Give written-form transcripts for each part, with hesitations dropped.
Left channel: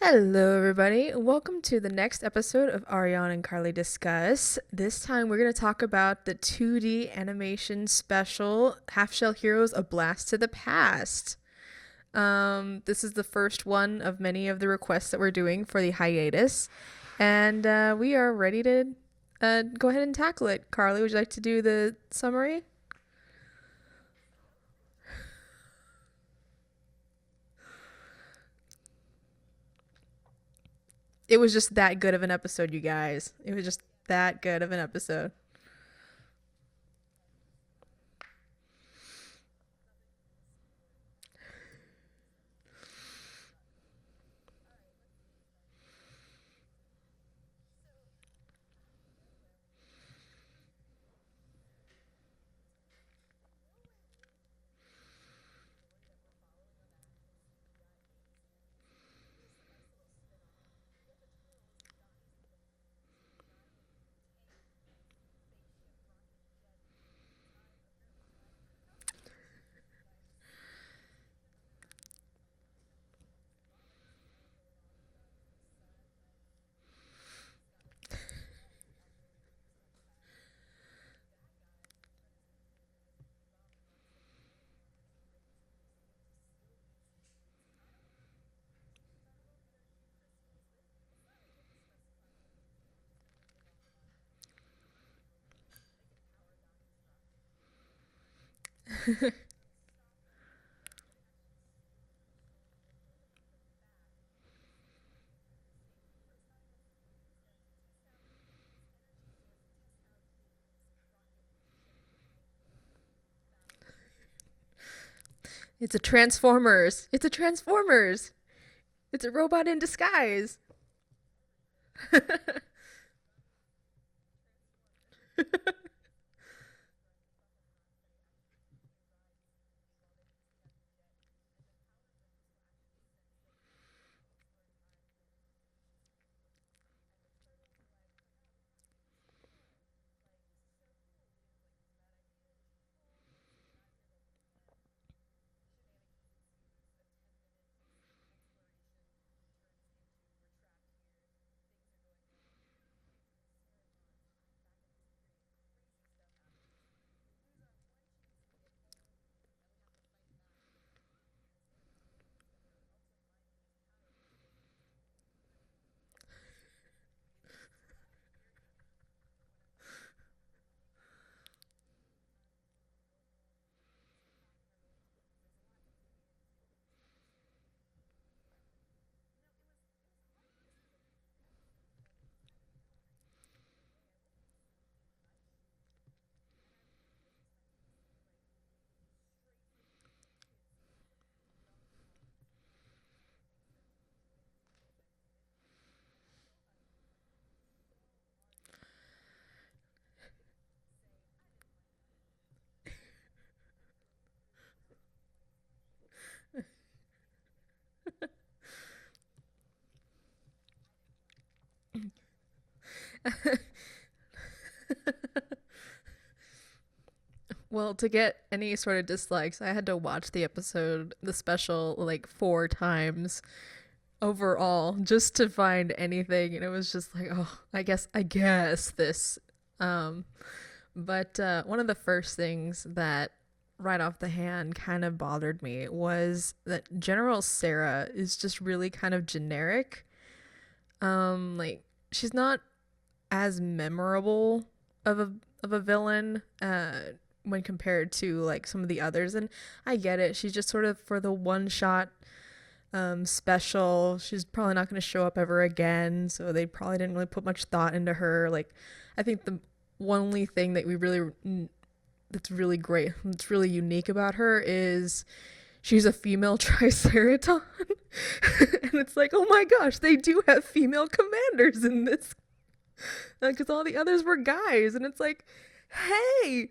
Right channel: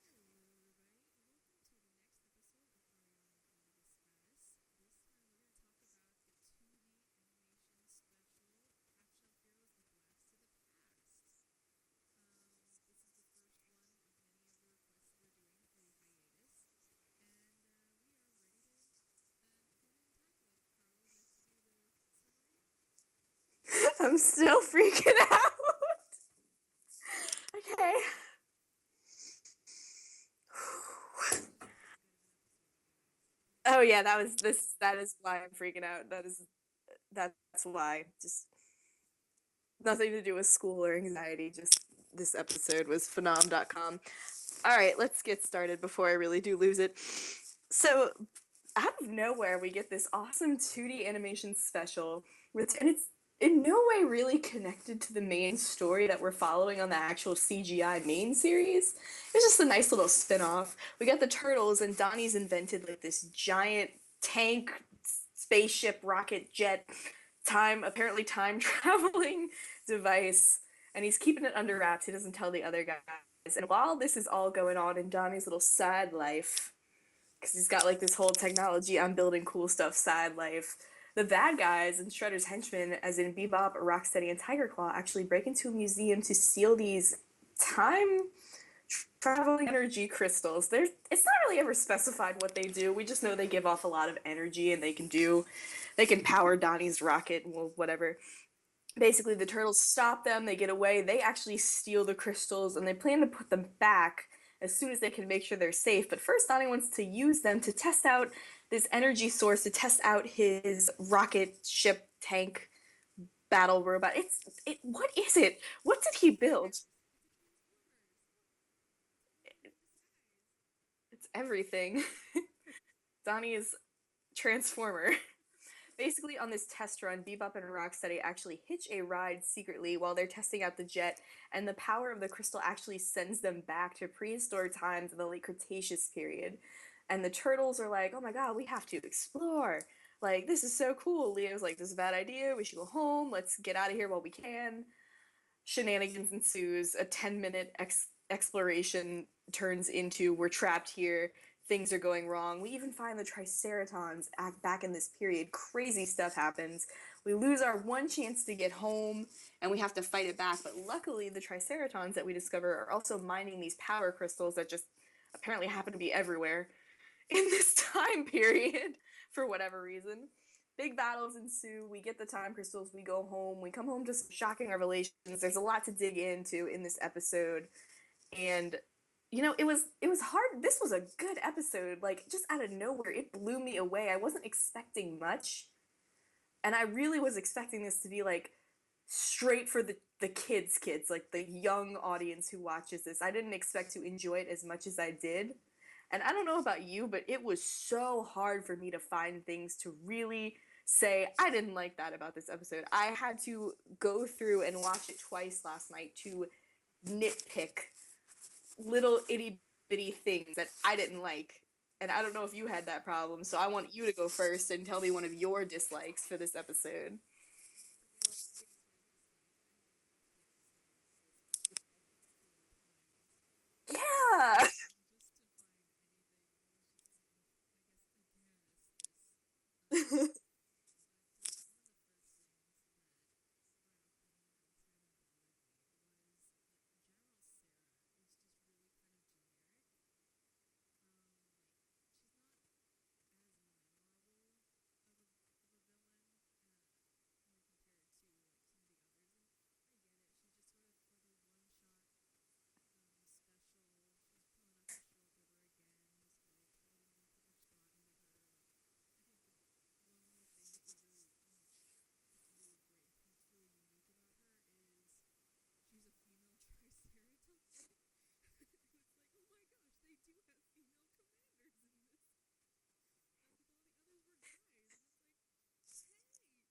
Hello, everybody. Welcome to the next episode of Ariane and Karley Discuss. This time, we're going to talk about the 2D animation special Half Shell Heroes: A Blast to the Past. This is the first one of many of the requests that we're doing for the hiatus, and we are ready to go ahead and tackle it. Karley, would you like to do the summary? I'm still freaking out. Okay. It was just that good of an episode, you guys. It was just Oh yeah, that was that good this. of an That is episode. why I'm freaking out. That's why. Just nothing to do with school or anxiety. Just this episode was phenom.com. All right, let's get started before I really do lose it. So, out of nowhere, we get this awesome 2D animation special, and it's in no way really connected to the main story that we're following on the actual CGI main series. It's just a nice little spin-off. We got the turtles, and Donnie's invented like this giant tank, spaceship, rocket jet, apparently time traveling device, and he's keeping it under wraps. He doesn't tell the other guys. And while this is all going on in Donnie's little side life, because he's got like this whole technology, I'm building cool stuff side life. The bad guys and Shredder's henchmen, as in Bebop, Rocksteady, and Tiger Claw, actually break into a museum to steal these time traveling energy crystals. It's not really ever specified what they do. We just know they give off a lot of energy and they can power Donnie's rocket, well, whatever. Basically, the turtles stop them, they get away, they actually steal the crystals, and they plan to put them back as soon as they can make sure they're safe. But first, Donnie wants to use them to test out this energy source, to test out his rocket ship tank battle robot. What is it? It's a What did he build? Transformers. It's a Transformers. It's a robot in disguise. It's everything. Donnie is Transformer. Basically, on this test run, Bebop and Rocksteady actually hitch a ride secretly while they're testing out the jet, and the power of the crystal actually sends them back to prehistoric times in the late Cretaceous period. And the turtles are like, oh my god, we have to explore. Like, this is so cool. Leo's like, this is a bad idea. We should go home. Let's get out of here while we can. Shenanigans ensues. A 10-minute exploration turns into we're trapped here, things are going wrong. We even find the Triceratons back in this period. Crazy stuff happens. We lose our one chance to get home, and we have to fight it back. But luckily, the Triceratons that we discover are also mining these power crystals that just apparently happen to be everywhere in this time period for whatever reason. Big battles ensue. We get the time crystals. We go home. We come home to some shocking revelations. There's a lot to dig into in this episode, and it was hard. This was a good episode. Like, just out of nowhere, it blew me away. I wasn't expecting much, and I really was expecting this to be like straight for the kids, like the young audience who watches this. I didn't expect to enjoy it as much as I did. And I don't know about you, but it was so hard for me to find things to really say I didn't like that about this episode. I had to go through and watch it twice last night to nitpick little itty bitty things that I didn't like. And I don't know if you had that problem, so I want you to go first and tell me one of your dislikes for this episode. Well, to get any sort of dislikes, I had to watch the episode, the special, like 4 times Yeah. overall just to find anything. And it was just like, oh, I guess this. Um, but one of the first things that right off the hand kind of bothered me was that General Sarah is just really kind of generic. Like she's not as memorable of a villain when compared to like some of the others, and I get it. She's just sort of for the one shot special. She's probably not going to show up ever again, so they probably didn't really put much thought into her. Like, I think the one only thing that we really that's really great, that's really unique about her is she's a female Triceraton. And it's like, oh my gosh, they do have female commanders in this because all the others were guys, and it's like, hey,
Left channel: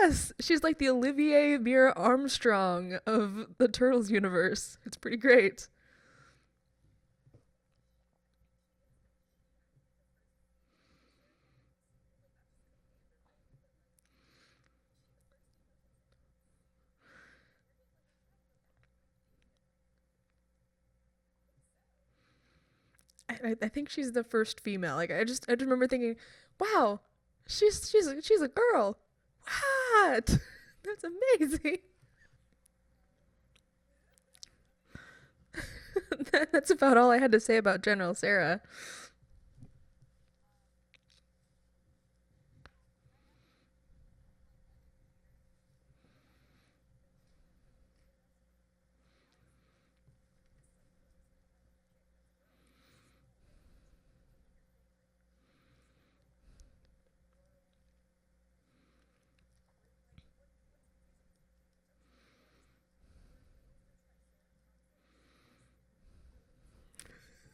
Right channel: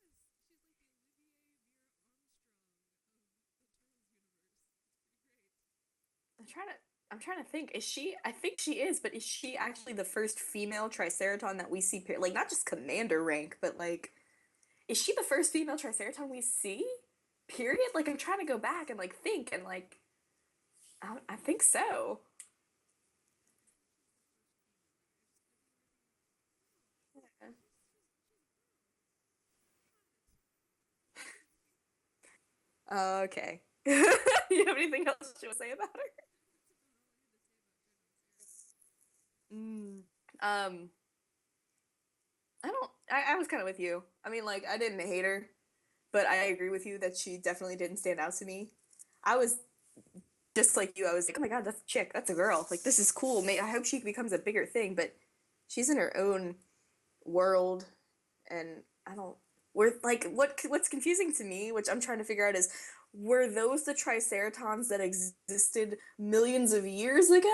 yes, she's like the Olivier Mira Armstrong of the Turtles universe. It's pretty great. I'm trying to I'm trying to think. Is she? I think she is, but is she actually the first female Triceraton that we see? Like, not just commander rank, but like, is she the first female Triceraton we see? Period. Like, I'm trying to go back and like think, and like, I think so. I think she's the first female. Like I just remember thinking, wow, she's a girl. What? That's amazing. Okay. You have anything else you want to say about her? That's about all I had to say about General Sarah. Mm. Um, I don't. I was kind of with you. I mean, like, I didn't hate her, but I agree with you that she definitely didn't stand out to me. I was just like you. I was like, oh my god, that's a chick. That's a girl. Like, this is cool. I hope she becomes a bigger thing. But she's in her own world, and I don't. We're like, what's confusing to me, which I'm trying to figure out, is were those the Triceratons that existed millions of years ago?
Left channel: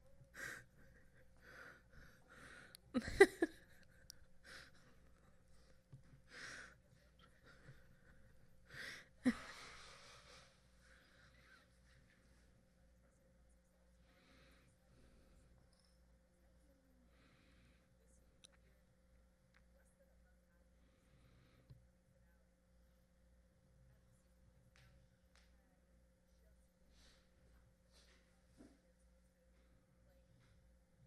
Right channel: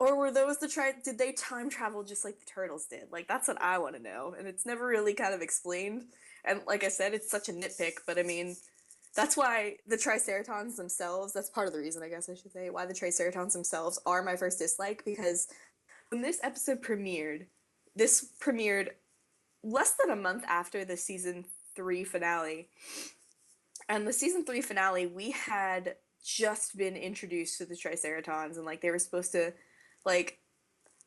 Or were those did they time travel just like the turtles did? Like, that's what I want to know. And it's never really kind of explained. And like I said, it's such a nitpick, but I mean, that's why the Triceratons themselves, that's part of the reason, I guess I should say, why the Triceratons themselves are my first dislike, because when this premiered less than a month after the season 3 finale. And the season 3 finale, we had just been introduced to the Triceratons, and like they were supposed to, like,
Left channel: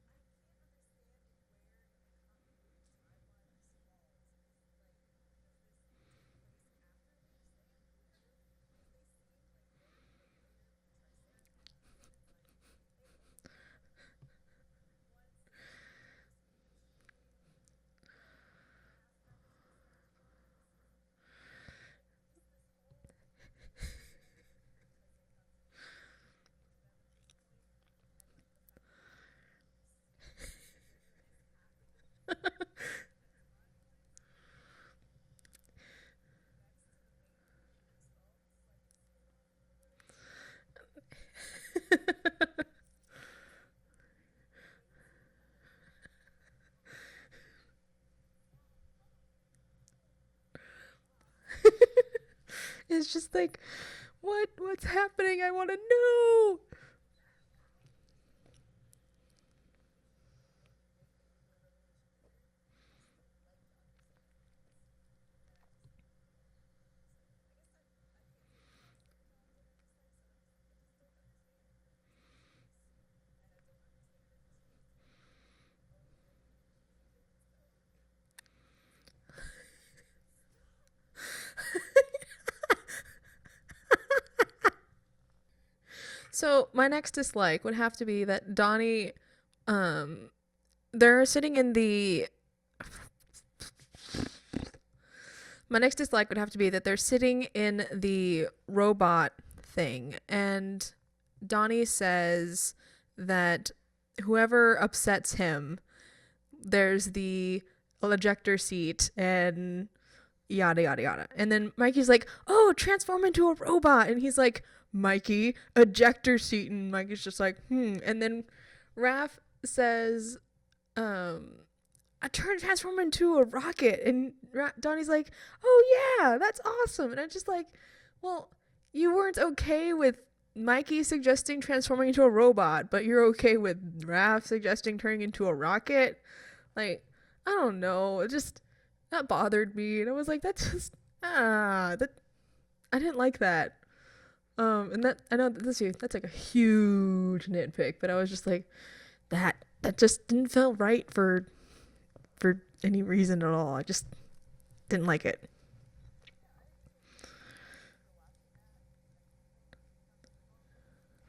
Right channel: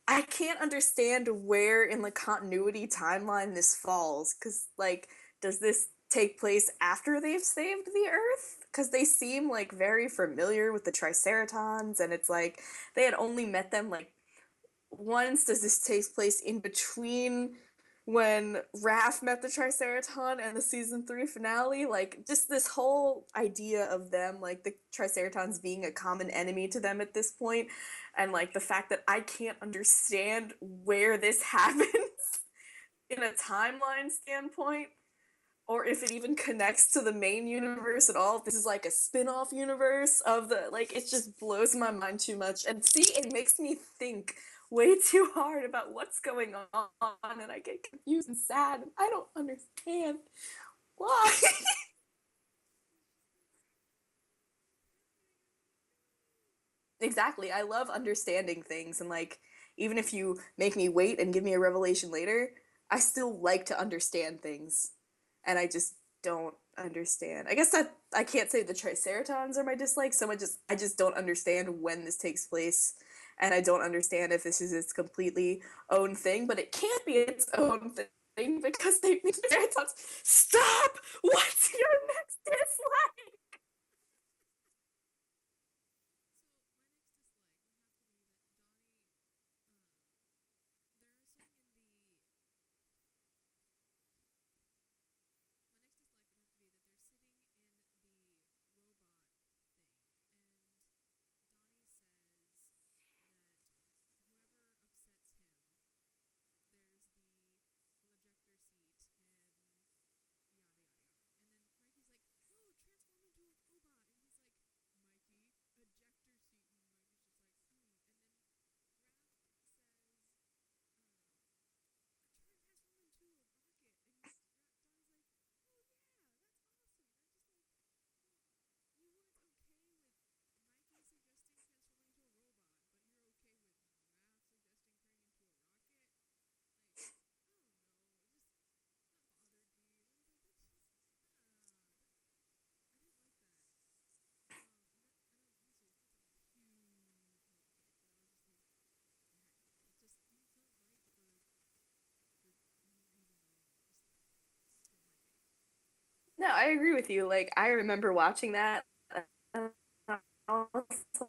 I can't understand where in the continuity timeline this falls, because like, does this take place after they've saved the Earth? Because they seem like very familiar with the Triceratons, and it's like they had only met them like once. Does this take place in between when Raph met the Triceraton and the season 3 finale? Like, just this whole idea of them, like the Triceratons being a common enemy to them at this point, and like the fact that I can't understand where this happens in a timeline standpoint, or if it even connects to the main universe at all. If this is like a spin-off universe of the, like, it just blows my mind too much. And see, it makes me think way too hard about what's going on, and I get confused and sad, and I don't understand why. It's just like, what's happening? I want to know. Exactly. I love understanding things, and like, even if you make me wait and give me a revelation later, I still like to understand things, and I just don't understand. I guess that I can't say the Triceratons are my dislike so much, just I just don't understand when this takes place, and I don't understand if this is its completely own thing, but it can't be its own thing because they make Triceratons. Stop! What's your next dislike? So my next dislike would have to be that Donnie, um, they're sitting in the. My next dislike would have to be that they're sitting in the robot thing, and Donnie says that whoever upsets him, there's the ejector seat and yada yada yada. And then Mikey's like, "Oh, transform into a robot," and he's like, "Mikey, ejector seat," and Mikey's just like, "Hmm." And then Raph says, "I transform into a rocket," and Donnie's like, "Oh yeah, that's awesome." And I'm just like, well, you weren't okay with Mikey suggesting transforming into a robot, but you're okay with Raph suggesting turning into a rocket. Like, I don't know. It just that bothered me, and I was like, that's just that I didn't like that. And that I know that's like a huge nitpick, but I was just like, that just didn't feel right for any reason at all. I just didn't like it. No, I agree with you. Like, I remember watching that. And I was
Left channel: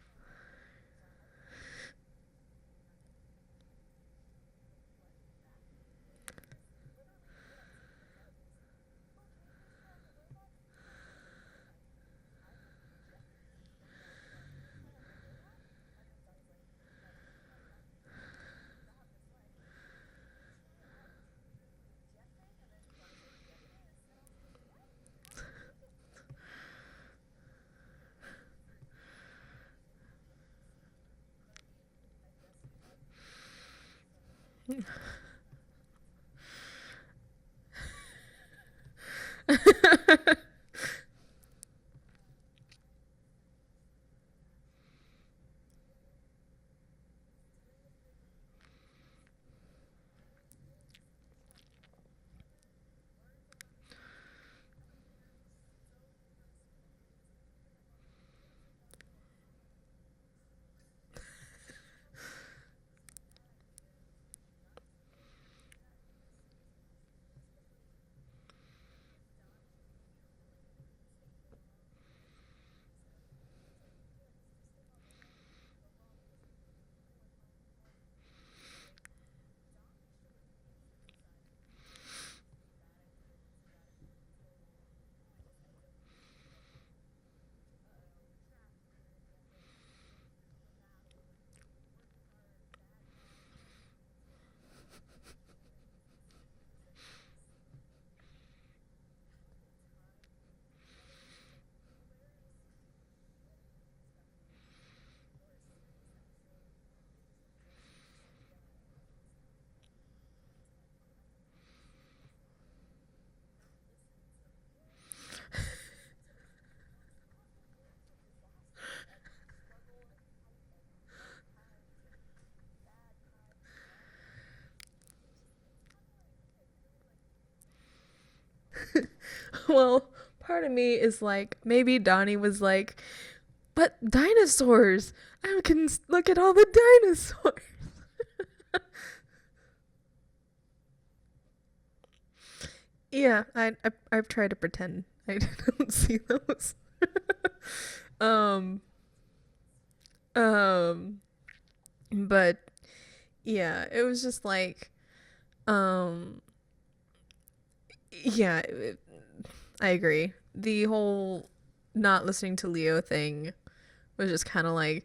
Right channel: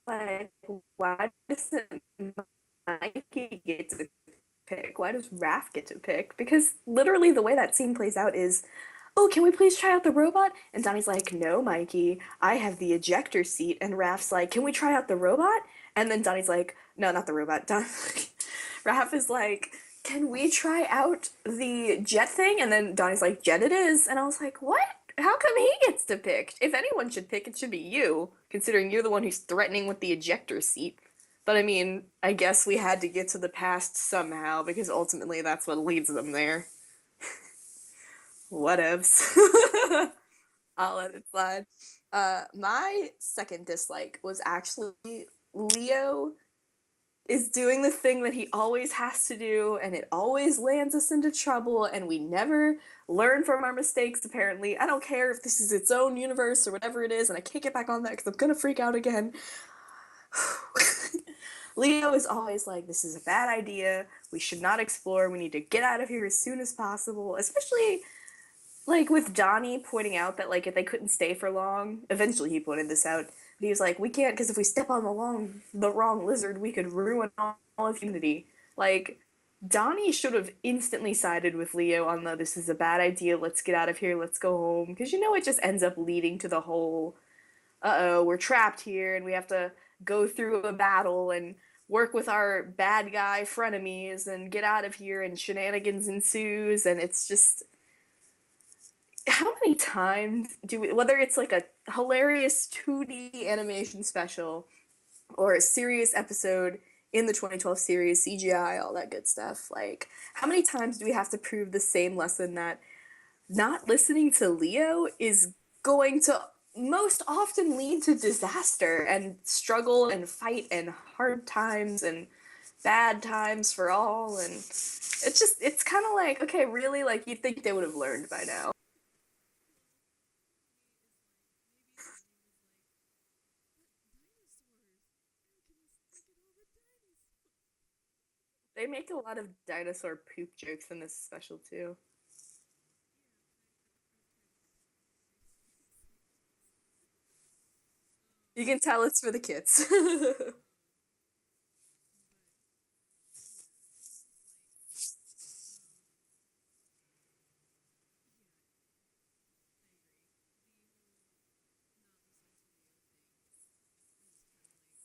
like, why doesn't Mikey get to pick? Why does Raph get to pick? Because literally the way that scene plays out is, oh, can we please try out the robot? And Donnie's like, no, Mikey, I have the ejector seat. And Raph's like, can we try out the robot? And then Donnie's like, no, not the robot. Raph is like, can we try out the jet thing? And then Donnie's like, jet it is. And I was like, what? How come he gets to pick? If anyone should pick, it should be you, considering you're the one who's threatening with the ejector seat. But I mean, I guess we had to get to the past somehow, because ultimately that's what leads them there. Whatevs. I'll let it slide. My second dislike was actually Leo is doing the thing that he always has to do, and it always lands us into trouble, and we never learn from our mistakes, apparently. I don't care if this is its own universe or whatever it is, and I can't get back on that because I'm gonna freak out again. Leo is always like, this is a bad idea. We should not explore. We need to get out of here as soon as possible. Especially, like, with Donnie pointing out that, like, if they couldn't stay for long, eventually he pointed this out. He was like, we can't, because if we step on the wrong lizard, we could ruin all of humanity. Like, Donnie should have instantly sided with Leo on the, this is a bad idea, let's get out of here, let's go home. Because, it just ends up leading to the whole, uh-oh, we're trapped here, and we have to go through a battle and work with our bad guy frenemies and get out of here, and shenanigans ensues, and it's just, how many times do we, whether it's like a hilarious 2D animation special or a serious episode in the 2012 series, CGI, all that good stuff, like, how many times do we have to prove the same lesson that not listening to Leo is going to most often lead to disaster and struggle and fight and hard times and bad times for all, and it's kind of like, okay, really, like, you'd think they would have learned by now. Well, part of me is like, maybe Donnie was like, but dinosaurs! I can look at all the dinosaurs! They make a lot of dinosaur poop jokes in this special too. Yeah, I've tried to pretend I don't see those. You can tell it's for the kids. But yeah, it was just like, yeah, I agree. The whole not listening to Leo thing was just kind of like,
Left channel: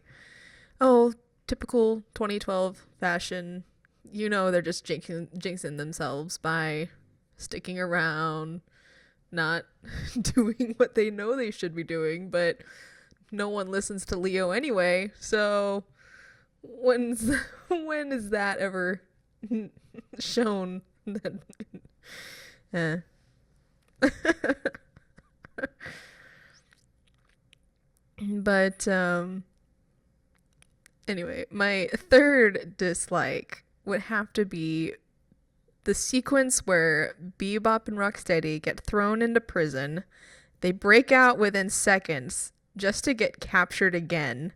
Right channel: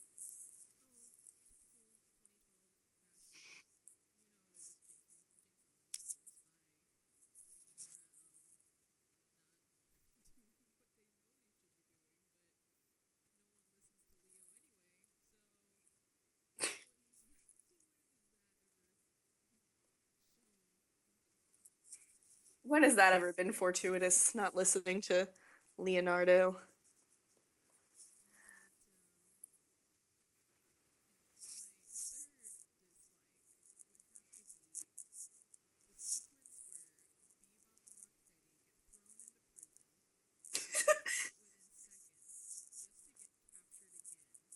oh, typical 2012 fashion. They're just jinxing themselves by sticking around, not doing what they know they should be doing, but no one listens to Leo anyway, so when is that ever shown that When has that ever been fortuitous, not listening to Leonardo? But anyway, my third dislike would have to be the sequence where Bebop and Rocksteady get thrown into prison. They break out within seconds just to get captured again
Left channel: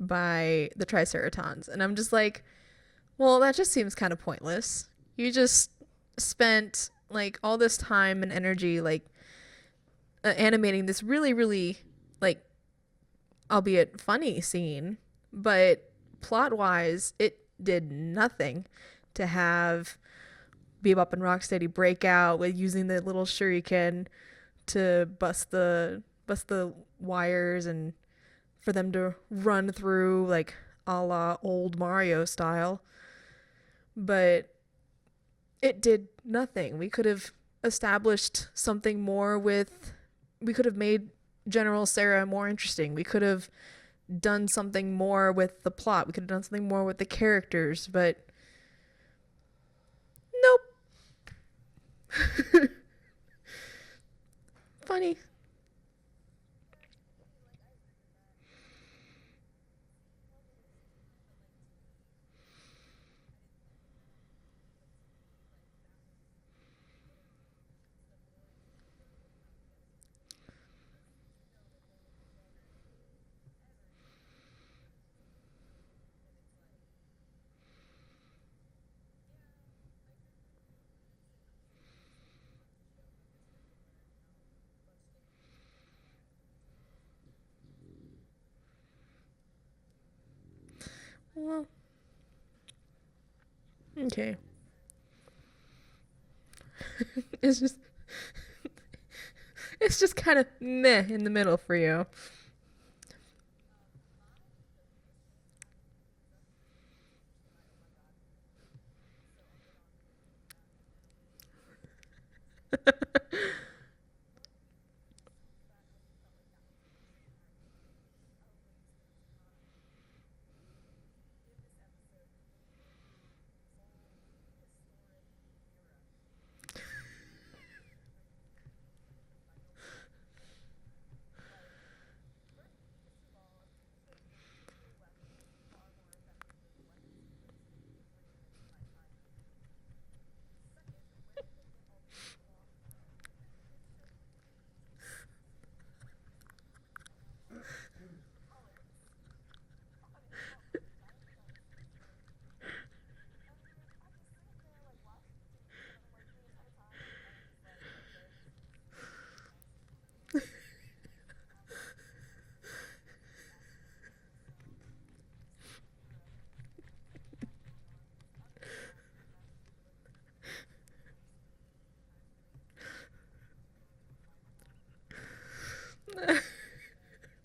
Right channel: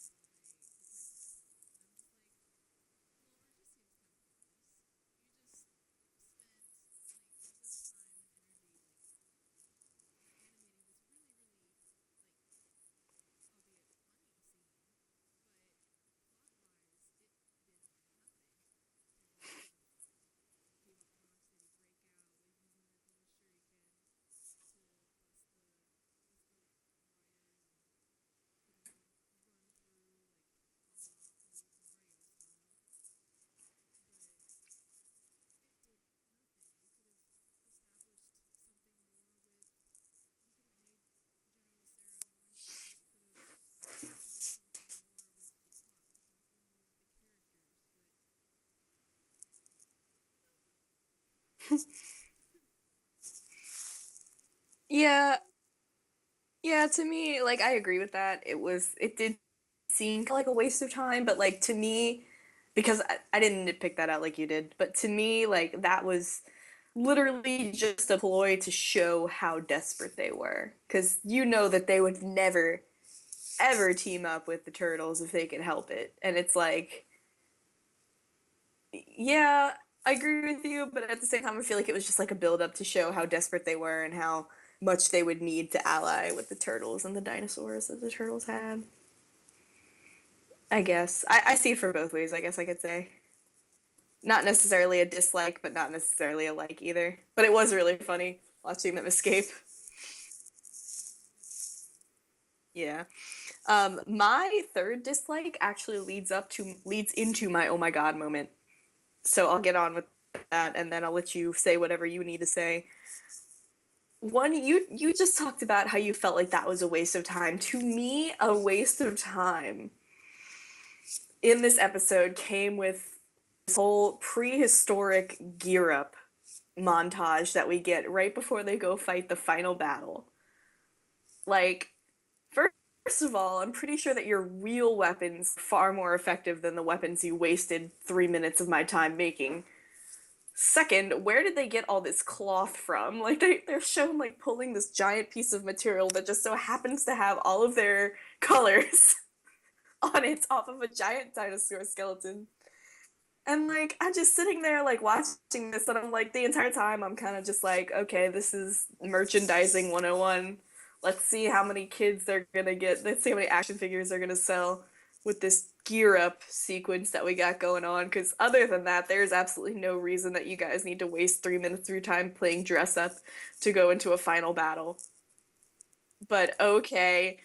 by the Triceratons. And I'm just like, well, that just seems kind of pointless. You just spent like all this time and energy like animating this really, really, like, albeit funny scene, but plot-wise, it did nothing to have Bebop and Rocksteady break out with using the little shuriken to bust the wires and for them to run through, like, a la old Mario style. But it did nothing. We could have established something more we could have made General Sarah more interesting. We could have done something more with the plot. We could have done something more with the characters, but nope. Yeah. Yeah, to me, like, I agree with that. It did seem like a waste of time, but, like, to me, because I didn't nitpick that out like you did, but to me, like, that was literally just a ploy to show how desperate they were. Because that they would never, ever team up with the turtles if they could help it. And it's like, yeah, I agree with you, but at the same time, I feel like it was just like a build-up to show how desperate they were and how much they would need to ally with the turtles and the dinosaurs that the turtles had. I guess. I see it for both ways, I guess I could say. Okay. Not necessarily a dislike, but not necessarily a like either. But it was really funny watching them escape. It's just kind of meh in the middle for you. Yeah. My third dislike actually leads into my oh my god moment. So I'll get on with that, and then I'll let you say whatever you need to say. One, you just talked about how you felt like that was a waste of time. To me, a waste of time in this episode came with this whole prehistoric gear up montage that we get right before they go fight the final battle. Like, first of all, I'm pretty sure that your real weapons are far more effective than the weapons you wasted 3 minutes of my time making. Second, where did they get all this cloth from? Like, they're shown, like, pulling this giant piece of material that just so happens to have all of their colors. on its off of a giant dinosaur skeleton. And like I'm just sitting there like watching this and I'm like the entire time I'm kind of just like, okay, this is merchandising 101. Let's see how many kids they're gonna get. Let's see how many action figures they're gonna sell with this gear up sequence that we got going on. Because other than that, there's absolutely no reason that you guys need to waste 3 minutes of your time playing dress up to go into a final battle. But okay,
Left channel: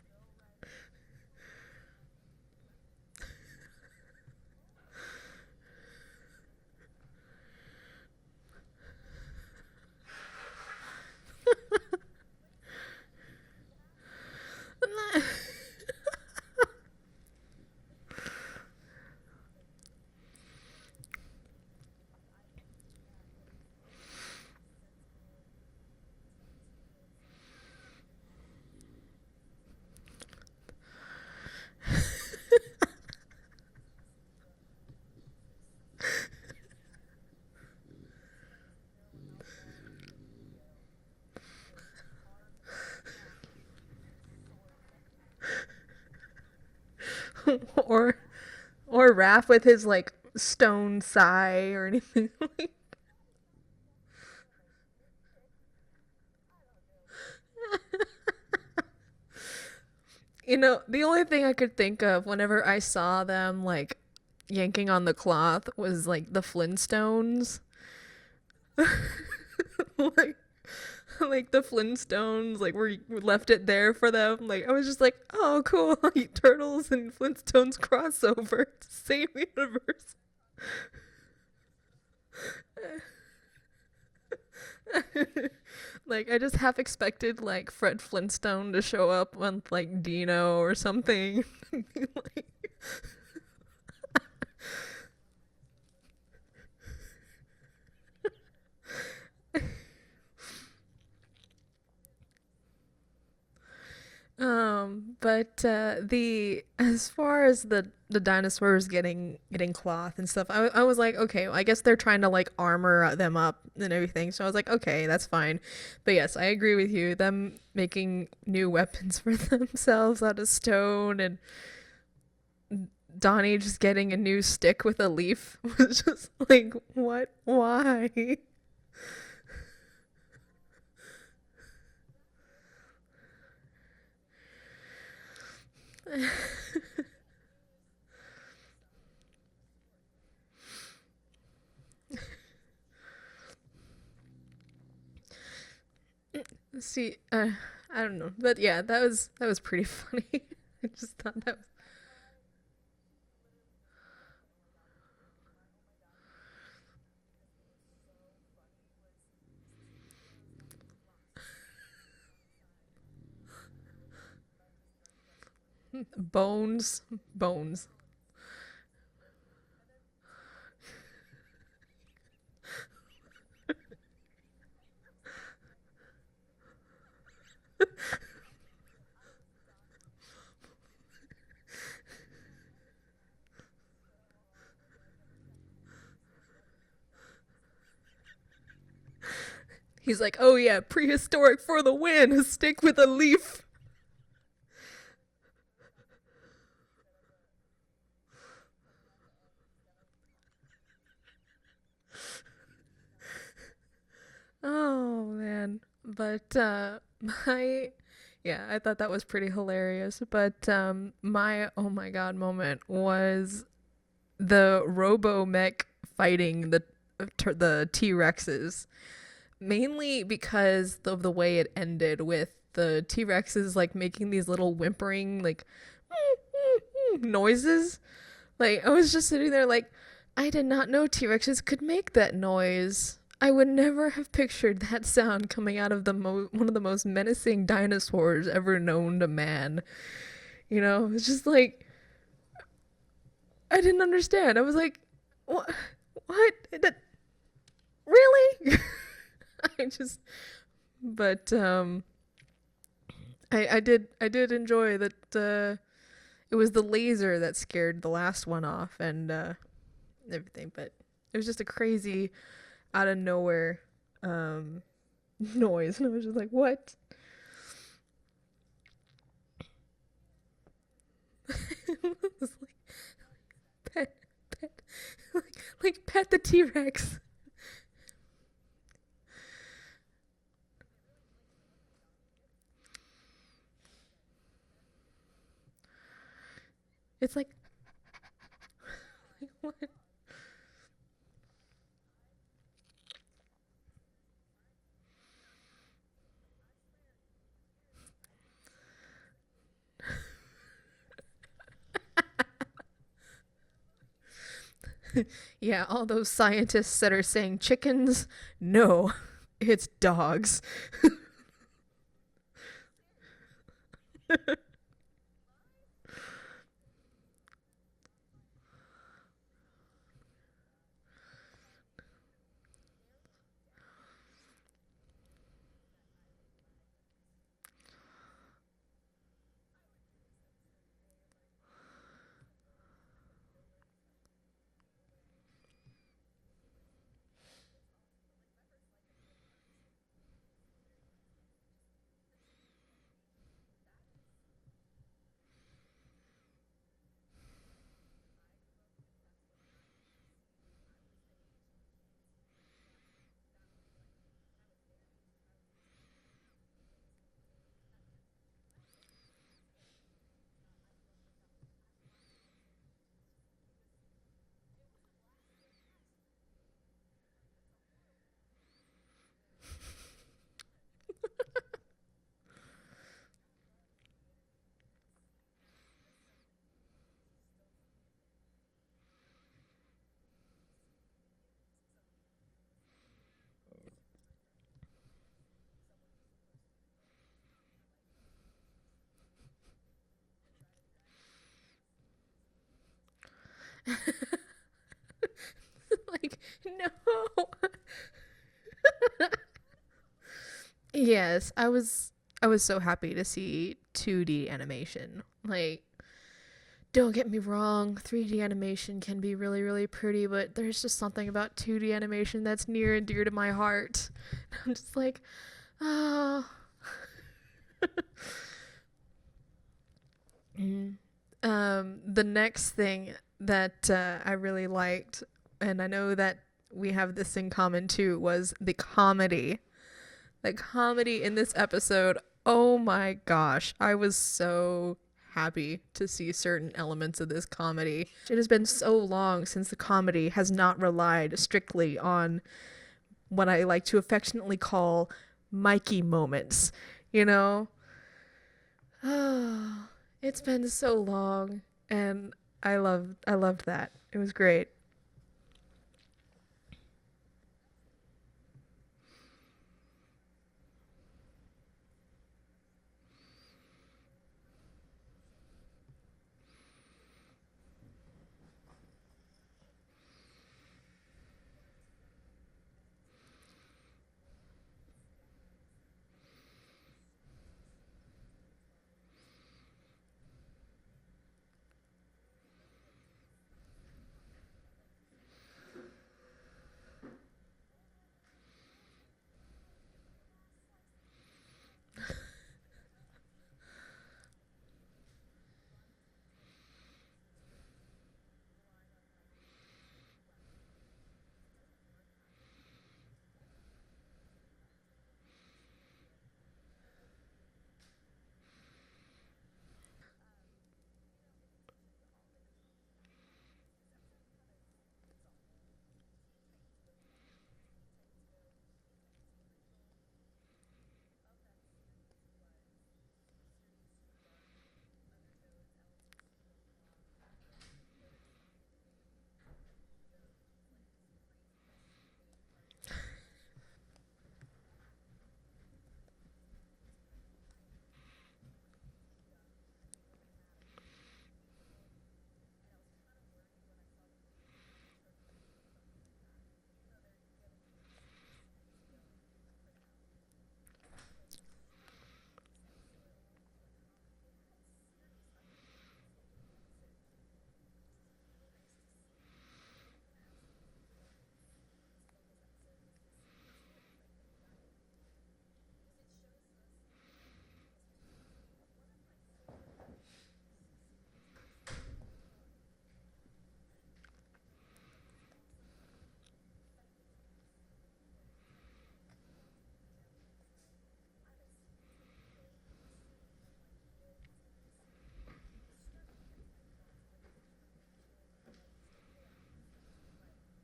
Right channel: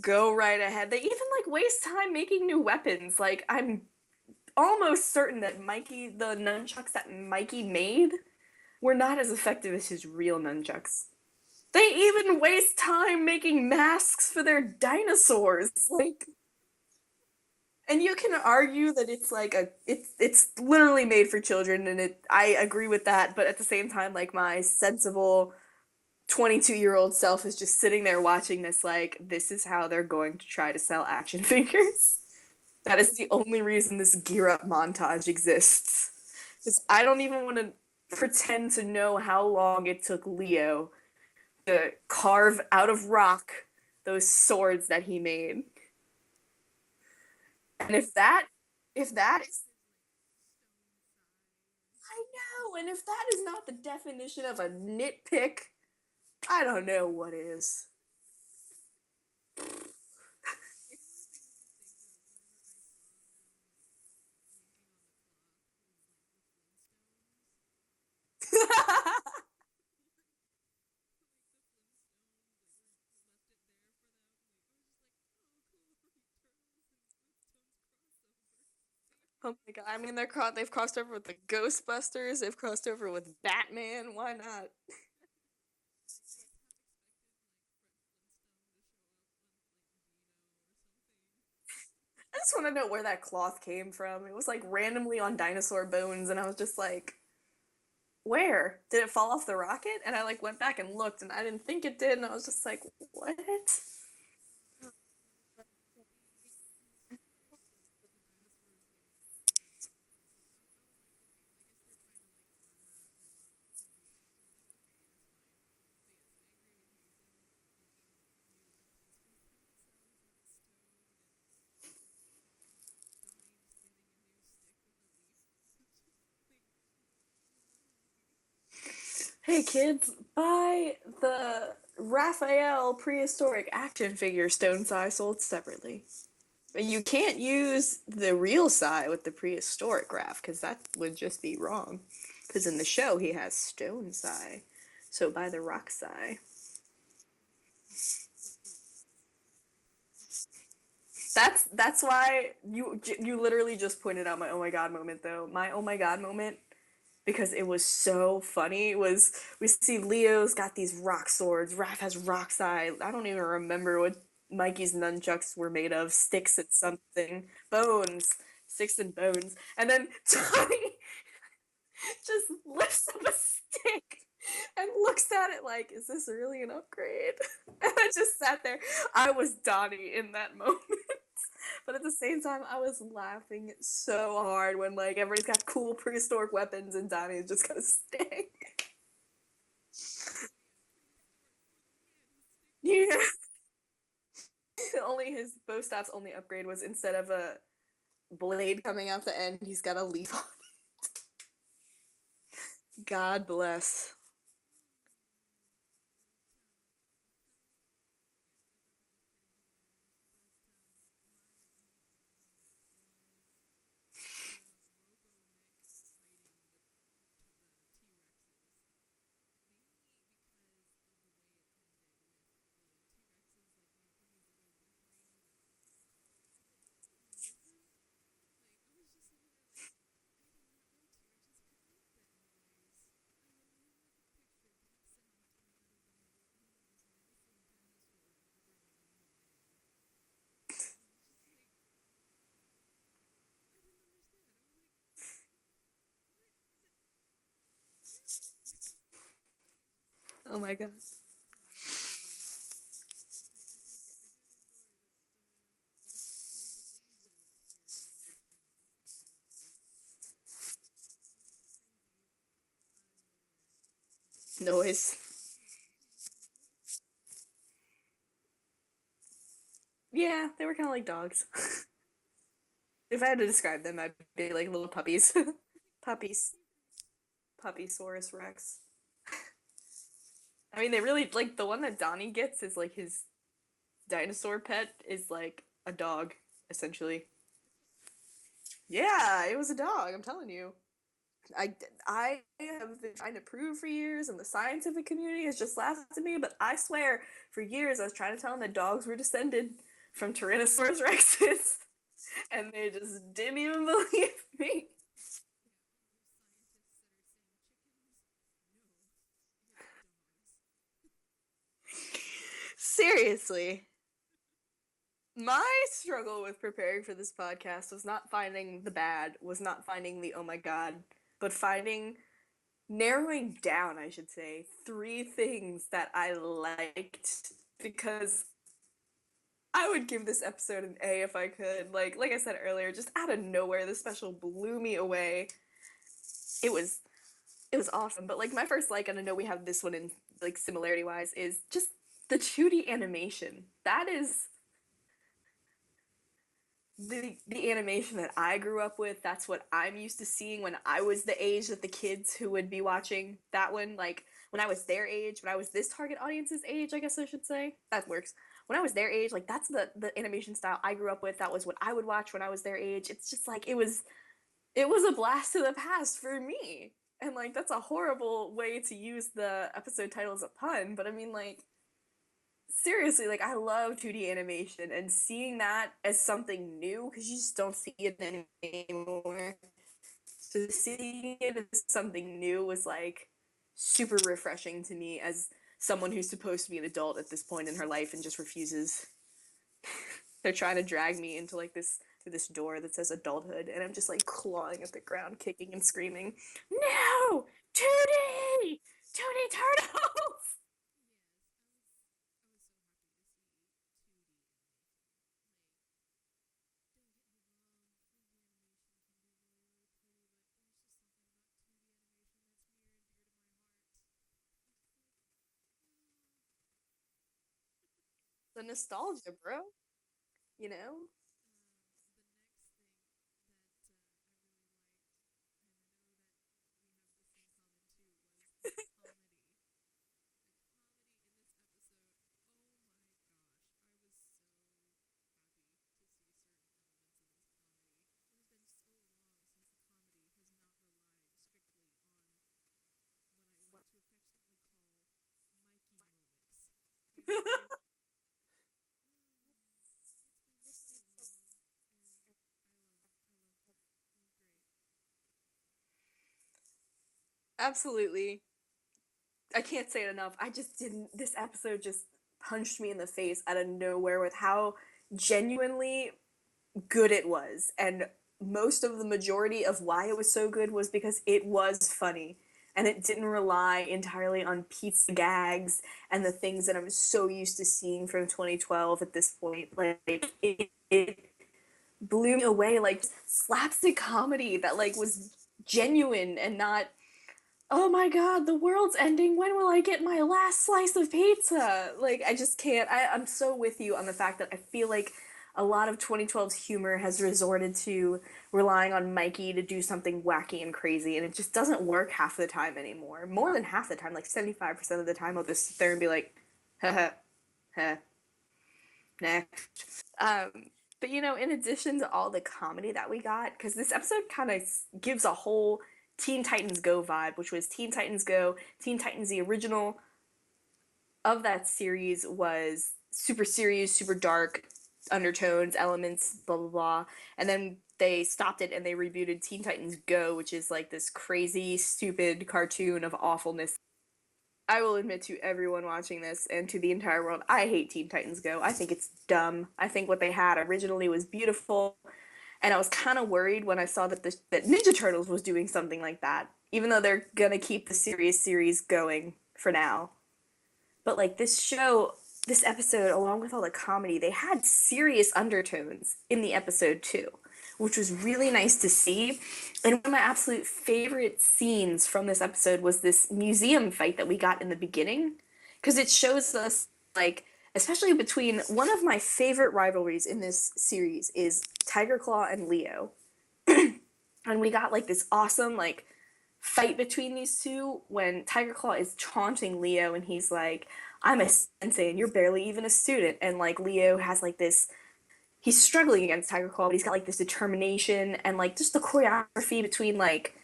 go right ahead. They even like waste time making new weapons. Like I'm almost certain that the nunchucks that Mikey made, were not as effective as his real nunchucks. They even waste time making masks for their dinosaurs. Like, and you can argue that it's like it's literally made for children, and I agree with that. But at the same time, like my sensible 22-year-old self is just sitting there watching this, like this is how they're going to try to sell action figures. That is the only reason this gear up montage exists. Because I don't even want to pretend to know how long it took Leo to carve out of rock those swords that he made. or Raph with his like stone sai or anything. I know, and if that is not the definition of a nitpick, I don't know what is. You know, the only thing I could think of whenever I saw them like yanking on the cloth was like the Flintstones. like like the Flintstones, like we left it there for them. Like I was just like, oh cool, like Turtles and Flintstones crossover. Same universe. I mean, they've crossed over with the Ghostbusters. They've crossed over with Batman. Why not? Like I just half expected like Fred Flintstone to show up with like Dino or something. I just want to know where that cloth came from. It was like randomly on dinosaur bones, and I was just like, where? Did it fall off the rocket? And I like went back and looked, and I didn't think it did, and I was just like, what? But the as far as the dinosaurs getting cloth and stuff, I was like, okay, well, I guess they're trying to like armor them up and everything. So I was like, okay, that's fine. But yes, I agree with you. Them making new weapons for themselves out of stone and Donnie just getting a new stick with a leaf was just like, what? Why? Hey kids, buy the Raphael prehistoric action figure stone sai sold separately. But you can't use the real sai with the prehistoric Raph, because that would just be wrong. Because in the show he has stone sai. So buy the rock sai. See, I don't know. But yeah, that was pretty funny. That's why you literally just pointed out my oh my god moment though. My oh my god moment, because it was so funny, was we see Leo's got these rock swords, Raph has rock sai. I don't even remember what Mikey's nunchucks were made of. Sticks and something. Bones. Sticks and bones. And then Tony just lifts up a stick and looks at it like, is this really an upgrade? And I just sat there. I was Donnie in that moment. But at the same time, I was laughing so hard when like everybody's got cool prehistoric weapons and Donnie's just got a stick. He's like, oh yeah, prehistoric for the win, a stick with a leaf. Only his bow staff's only upgrade was instead of a blade coming out the end, he's got a leaf on it. God bless. Oh man. But I thought that was pretty hilarious. But my oh my god moment was the Robo-Mech fighting the T-Rexes. Mainly because of the way it ended, with the T-Rexes like making these little whimpering like noises. Like I was just sitting there like, I did not know T-Rexes could make that noise. I would never have pictured that sound coming out of one of the most menacing dinosaurs ever known to man. You know, it's just like, I didn't understand. I was like, what? That really? I just. Oh my god. But I did enjoy that. It was the laser that scared the last one off and everything. But it was just a crazy, out of nowhere noise. And I was just like, what? Yeah, they were kind of like dogs. It's If I had to describe them, like, I'd be like little puppies. like pet the Puppies. T-Rex. Puppysaurus Rex. I mean, they really, like, the one that Donnie gets is, like, his dinosaur pet is, like, a dog, essentially. It's like, Yeah, it was a dog, I'm telling you. I, I have been trying to prove for years, and the scientific community has just laughed at me, but I swear, for years I was trying to tell them that dogs were descended from Tyrannosaurus Rexes, and they just didn't even believe me. yeah, all those scientists that are saying chickens, no, it's dogs. Seriously. My struggle with preparing for this podcast was not finding the bad, was not finding the oh my god, but narrowing down, I should say, 3 things that I liked, because I would give this episode an A if I could. Like I said earlier, just out of nowhere, this special blew me away. It was awesome. But like my first like, and I know we have this one in like similarity wise, is just the 2D animation. That is the animation that I grew up with. That's what I'm used to seeing when I was the age that the kids who would be watching that one, like when I was their age, when I was this target audience's age, I guess I should say. That works. When I was their age, like that's the animation style I grew up with. That was what I would watch when I was their age. It's just like it was a blast to the past for me. And like that's a horrible way to use the episode title as a pun, but I mean like seriously, like I love 2D animation, and seeing that as something new, because you just don't see it anymore. So seeing it as something new was like super refreshing to me as someone who's supposed to be an adult at this point in her life and just refuses. They're trying to drag me into like this through this door that says adulthood, and I'm just like clawing at the ground, kicking and screaming, "No! 2D! 2D turtles!" Yes, I was so happy to see 2D animation. Like, don't get me wrong, 3D animation can be really, really pretty, but there's just something about 2D animation that's near and dear to my heart. I'm just like, oh. The nostalgia, bro. You know? The next thing that I really liked, and I know that we have this in common too, was the comedy. The comedy in this episode, oh my gosh, I was so happy to see certain elements of this comedy. It has been so long since the comedy has not relied strictly on what I like to affectionately call Mikey moments, you know? Oh, it's been so long, and I loved that. It was great. Absolutely. I can't say it enough. I just didn't. This episode just punched me in the face out of nowhere with how genuinely good it was. And most of the majority of why it was so good was because it was funny. And it didn't rely entirely on pizza gags and the things that I'm so used to seeing from 2012 at this point. Like, it blew me away. Like, slapstick comedy that, like, was genuine and not, oh my god, the world's ending, when will I get my last slice of pizza? Like, I just can't. I'm so with you on the fact that I feel like a lot of 2012's humor has resorted to relying on Mikey to do something wacky and crazy, and it just doesn't work half the time anymore. More than half the time, like 75% of the time, I'll just sit there and be like, haha, ha, next. But you know, in addition to all the comedy that we got, because this episode kind of gives a whole Teen Titans Go vibe, which was Teen Titans Go, Teen Titans the original of that series was super serious, super dark, undertones, elements, blah blah blah, and then they stopped it and they rebooted Teen Titans Go, which is like this crazy, stupid cartoon of awfulness. I will admit to everyone watching this and to the entire world, I hate Teen Titans Go. I think it's dumb. I think what they had originally was beautiful, and I was kind of worried when I saw that that Ninja Turtles was doing something like that, even though they're gonna keep the serious series going for now. But like this episode, along with all the comedy, they had serious undertones in the episode too, which was really nice to see. And one of my absolute favorite scenes from this episode was this museum fight that we got in the beginning, because it shows us like especially between one of my favorite rivalries in this series is Tiger Claw and Leo. And we got like this awesome like fight between these two when Tiger Claw is taunting Leo and he's like, I'm a sensei and you're barely even a student. And like Leo has like this, he's struggling against Tiger Claw, but he's got like this determination and like just the choreography between like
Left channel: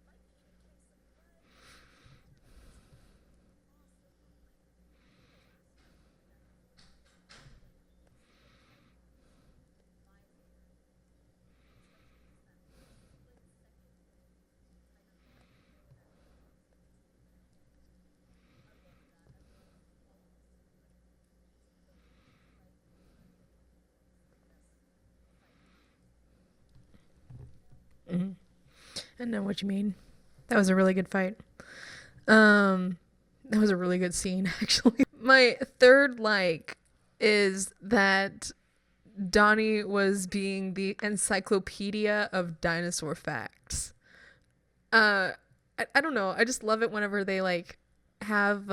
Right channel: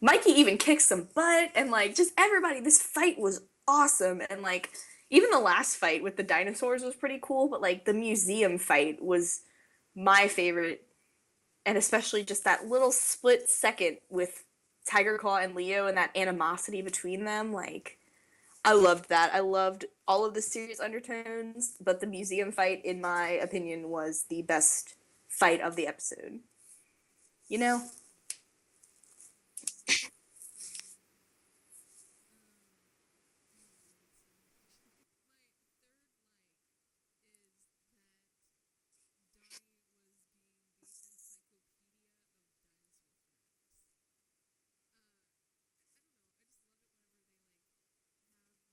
Mikey even kicks some butt and like just everybody. This fight was awesome. And like even the last fight with the dinosaurs was pretty cool, but like the museum fight was my favorite. And especially just that little split second with Tiger Claw and Leo and that animosity between them. Like, I loved that. I loved all of the series undertones, but the museum fight, in my opinion, was the best fight of the episode. You know? Mm-hmm. I know what you mean. That was a really good fight. That was a really good scene, actually. My third like is that Donnie was being the encyclopedia of dinosaur facts. I don't know. I just love it whenever they like have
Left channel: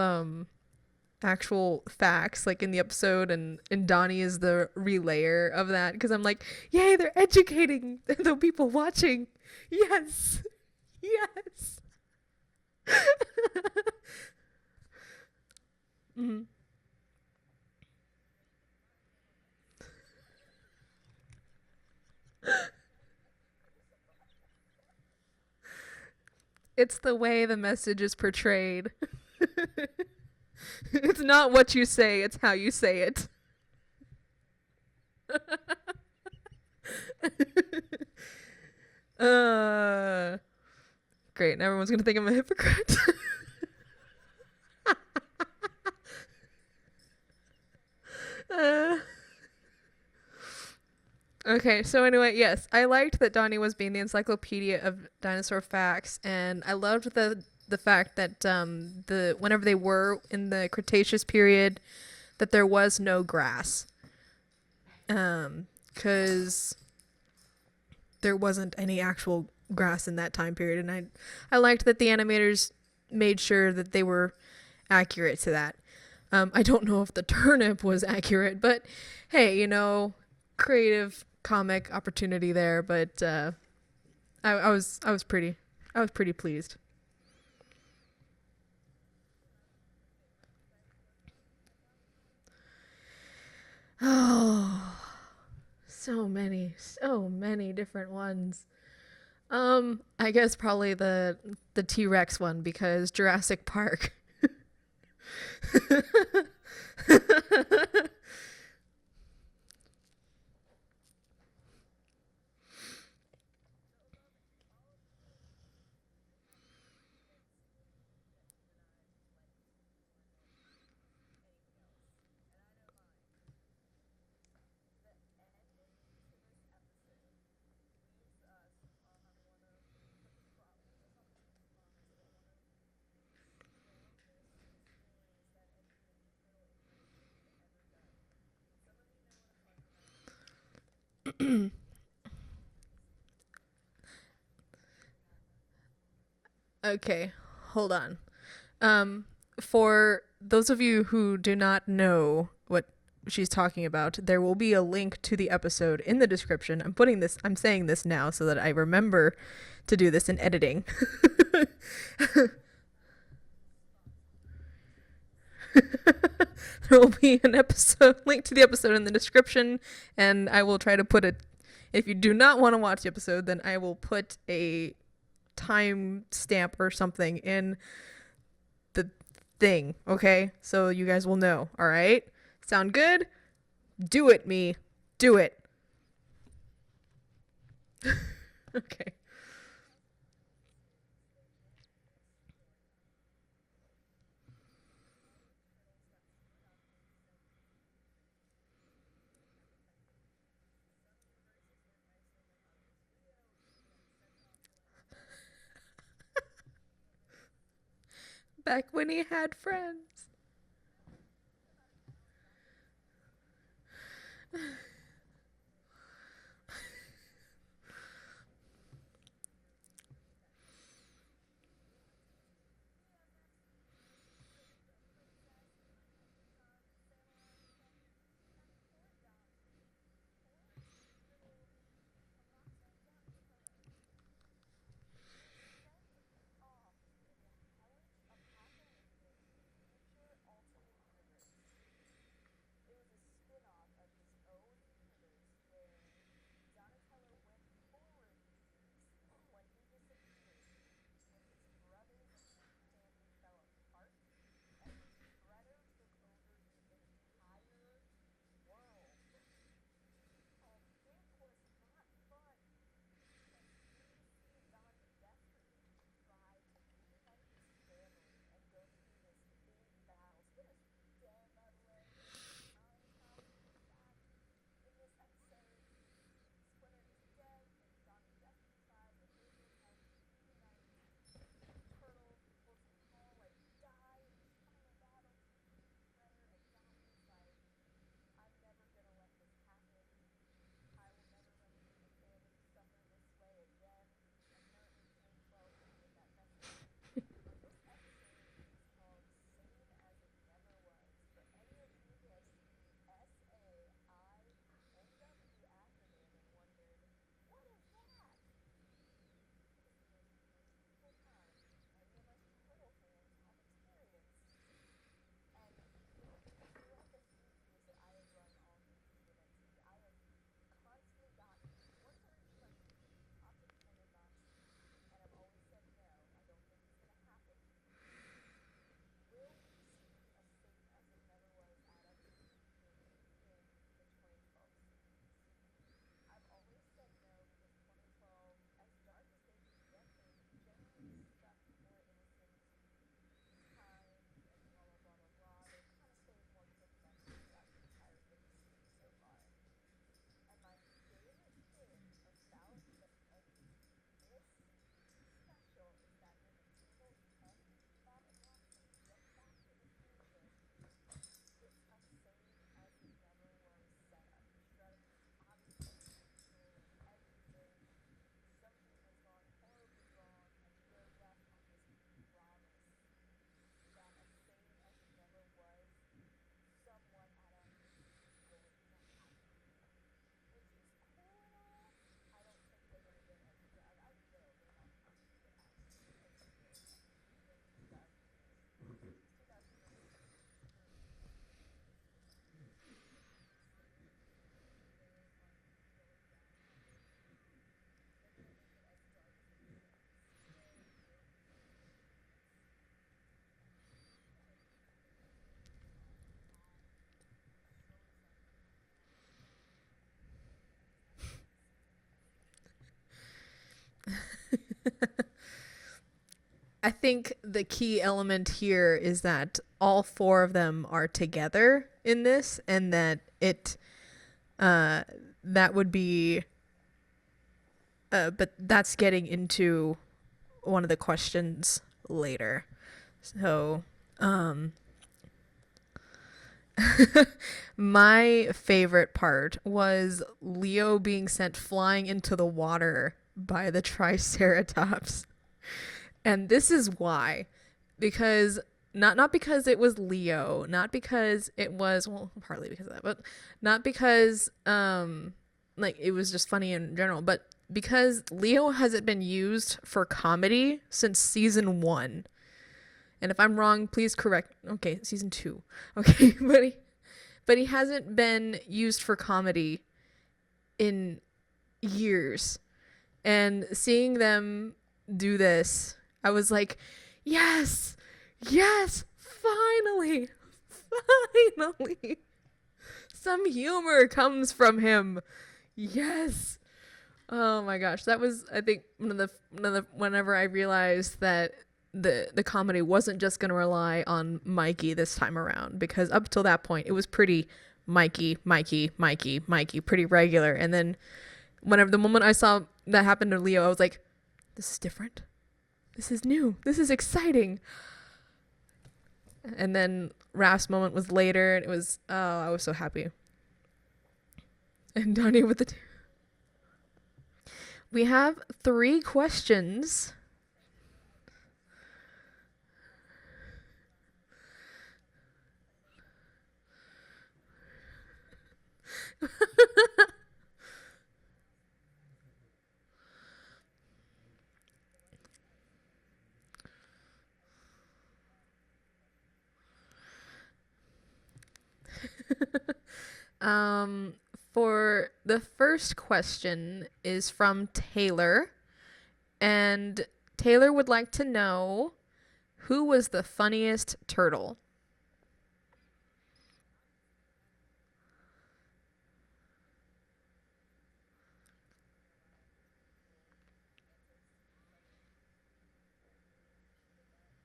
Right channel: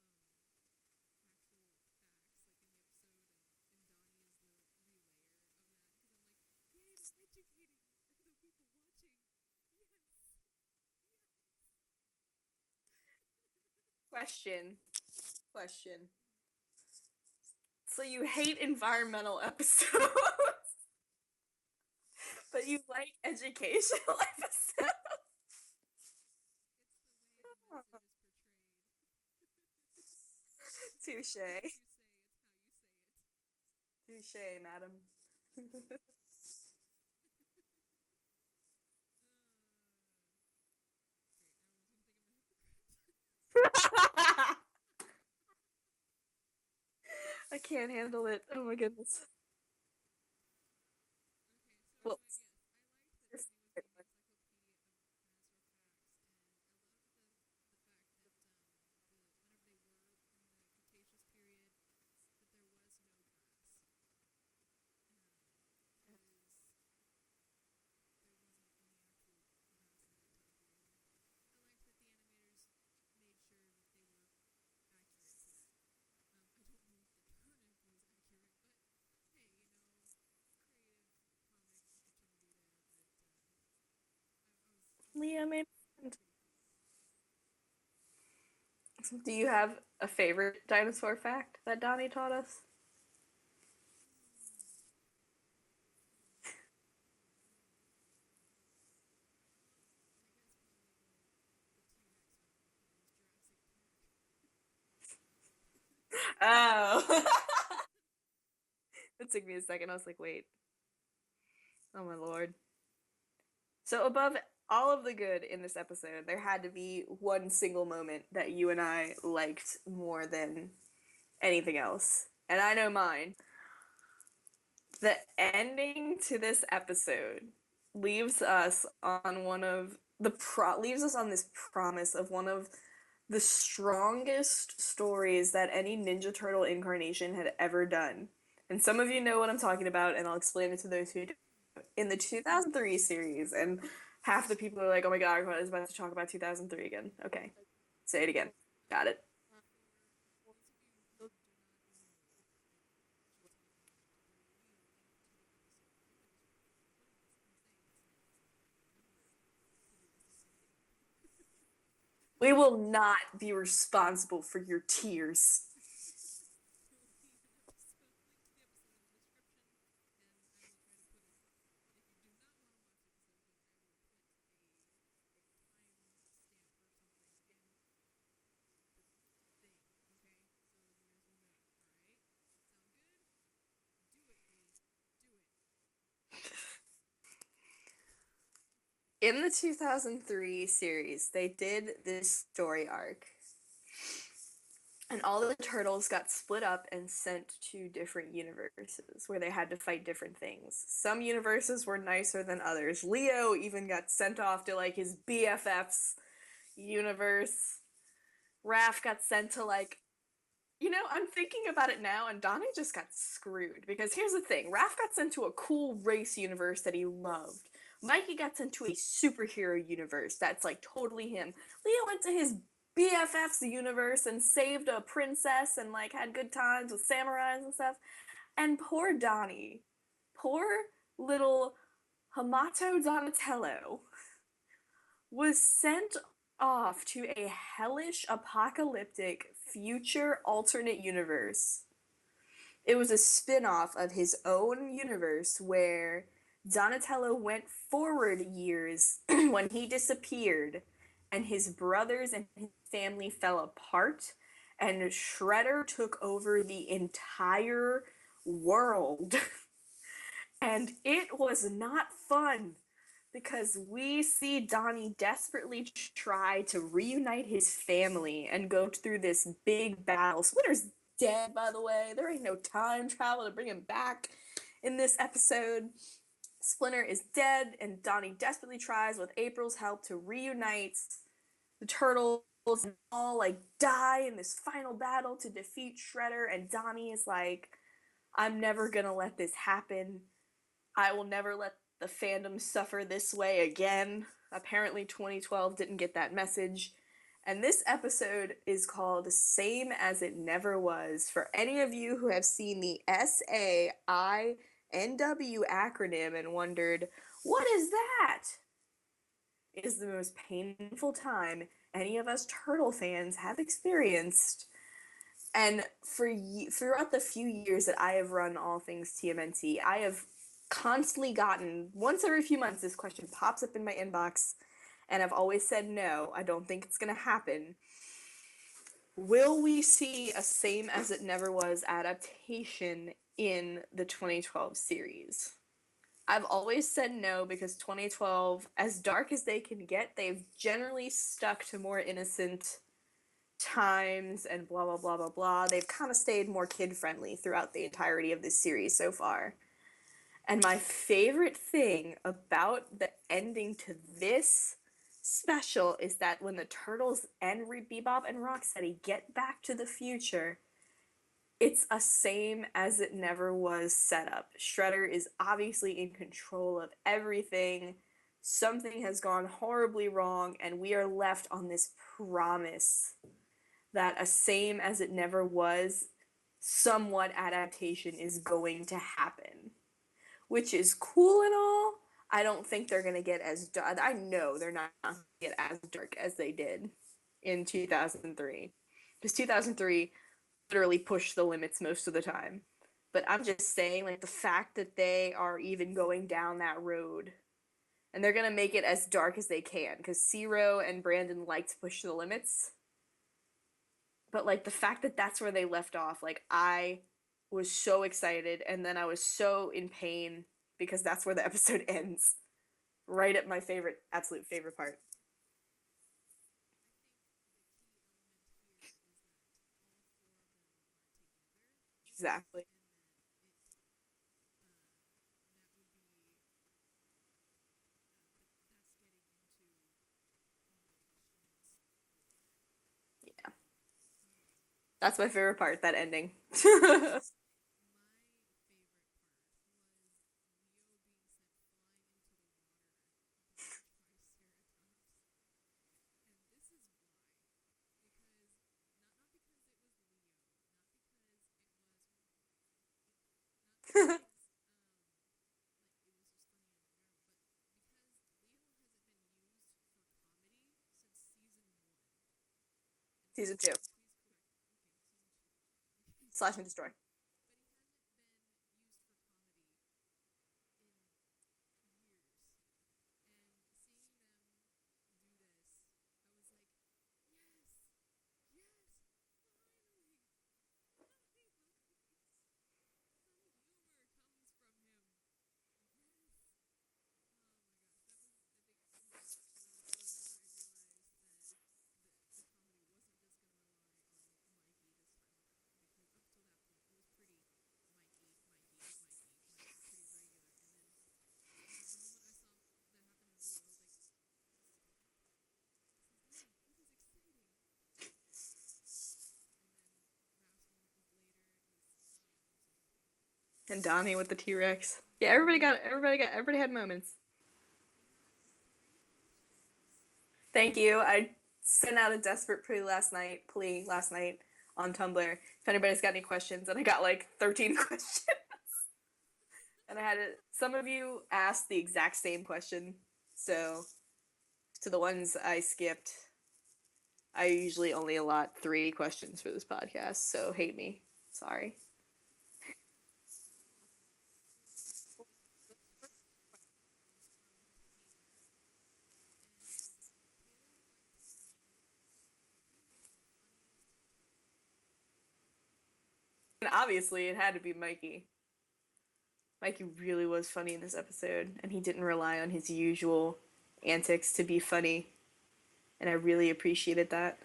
actual facts like in the episode and Donnie is the relayer of that because I'm like, yay, they're educating the people watching. Yes. Yes. Question. Mm-hmm. So you hate environmental episodes, but you like educational episodes? It's the way the message is portrayed. It's not what you say, it's how you say it. Touché, madam. Great. Now everyone's gonna think I'm a hypocrite. I can't handle it. Oh okay, so anyway, yes, I liked that Donnie was being the encyclopedia of dinosaur facts, and I loved the fact that the whenever they were in the Cretaceous period, that there was no grass, because there wasn't any actual grass in that time period, and I liked that the animators made sure that they were accurate to that. I don't know if the turnip was accurate, but hey, you know, creative comic opportunity there. But I was pretty pleased. Do you have a favorite dinosaur fact that Donnie taught us? Oh, so many different ones. I guess probably the T-Rex one because Jurassic Park. Oh. It took me a second. I was like, wait. Oh my lord. So above all of the good in this episode, there had to be one single moment that you and I liked more than anything else. And I know mine. The ending to this episode leaves us on leaves us on this promise of one of the strongest stories that any Ninja Turtle incarnation had ever done. And some of you know what I'm talking about, and I'll explain it to those who do. In the 2003 series, and half the people are like, oh my god, I was about to talk about 2003 again. Okay, hold on. Say it again. Got it. For those of you who do not know what she's talking about, there will be a link to the episode in the description. I'm saying this now so that I remember to do this in editing. We will not be responsible for your tears. There will be an episode link to the episode in the description, and I will try to put it. If you do not want to watch the episode, then I will put a time stamp or something in the thing, okay? So you guys will know, all right? Sound good? Do it, me. Do it. Okay. In the 2003 series, they did this story arc. And all the turtles got split up and sent to different universes where they had to fight different things. Some universes were nicer than others. Leo even got sent off to like his BFF's universe. That's Raph when got he sent had to friends. like, you know, I'm thinking about it now, and Donnie just got screwed because here's the thing: Raph got sent to a cool race universe that he loved. Mikey got sent to a superhero universe that's like totally him. Leo went to his BFFs the universe and saved a princess and like had good times with samurais and stuff. And poor Donnie, poor little Hamato Donatello, was sent off to a hellish, apocalyptic, future alternate universe. It was a spin-off of his own universe where Donatello went forward years when he disappeared and his brothers and his family fell apart and Shredder took over the entire world. And it was not fun because we see Donnie desperately try to reunite his family and go through this big battle. Splinter's dead, by the way. There ain't no time travel to bring him back in this episode. Splinter is dead, and Donnie desperately tries, with April's help, to reunite the turtles and all like die in this final battle to defeat Shredder. And Donnie is like, I'm never gonna let this happen. I will never let the fandom suffer this way again. Apparently 2012 didn't get that message. And this episode is called Same as It Never Was. For any of you who have seen the SAINW acronym and wondered, what is that? It is the most painful time any of us Turtle fans have experienced. And throughout the few years that I have run all things TMNT, I have constantly gotten, once every few months, this question pops up in my inbox, and I've always said no, I don't think it's gonna happen. Will we see a Same as It Never Was adaptation in the 2012 series? I've always said no because 2012, as dark as they can get, they've generally stuck to more innocent times and blah blah blah blah blah. They've kind of stayed more kid friendly throughout the entirety of this series so far. And my favorite thing about the ending to this special is that when the Turtles and Bebop and Rocksteady get back to the future, it's a Same as It Never Was setup. Shredder is obviously in control of everything. Something has gone horribly wrong, and we are left on this promise that a Same as It Never Was somewhat adaptation is going to happen. Which is cool and all. I don't think they're going to get as dark. I know they're not going to get as dark as they did in 2003. Because 2003 literally pushed the limits most of the time. But I'm just saying, like, the fact that they are even going down that road, and they're going to make it as dark as they can, because Zero and Brandon like to push the limits. But, like, the fact that that's where they left off, like, I was so excited, and then I was so in pain because that's where the episode ends. Right at my absolute favorite part. I think the key element here is that all four of them are together in this, and that that would be, but that's getting into one of the questions later. So, that's my favorite part, that ending. My favorite part was Leo being sent flying into the water by the Triceratops. And this is why. Because, not because it was Leo, not because it was, well, partly because of that, but not because, like, it was just funny in general, but because Leo hasn't been used for comedy since season 1. And if I'm wrong, please correct. Okay, season 2. Okay, but he hasn't been used for comedy in years. And seeing them do this, I was like, yes, finally, some humor comes from him. Yes. Oh my gosh, that was, I think, one of the whenever I realized that the comedy wasn't just going to rely on Mikey this time around, because up till that point it was pretty Mikey, pretty regular. And then whenever the moment I saw that happen to Leo, I was like, this is different, this is new, this is exciting. And then Raph's moment was later, and it was, oh, I was so happy. And Donnie with the T-Rex. Yeah, everybody had moments. We have 3 questions. Thank you. sent out a desperate plea last night on Tumblr. If anybody's got any questions, and I got like 13 questions. And I had some of you asked the exact same question, so to the ones I skipped, I usually only allot 3 questions for this podcast, so hate me. Sorry. For the first question is from Taylor, and Taylor would like to know, who was the funniest turtle? And obviously, it had to be Mikey. Mikey really was funny in this episode, and he didn't rely on his usual antics to be funny, and I really appreciated that.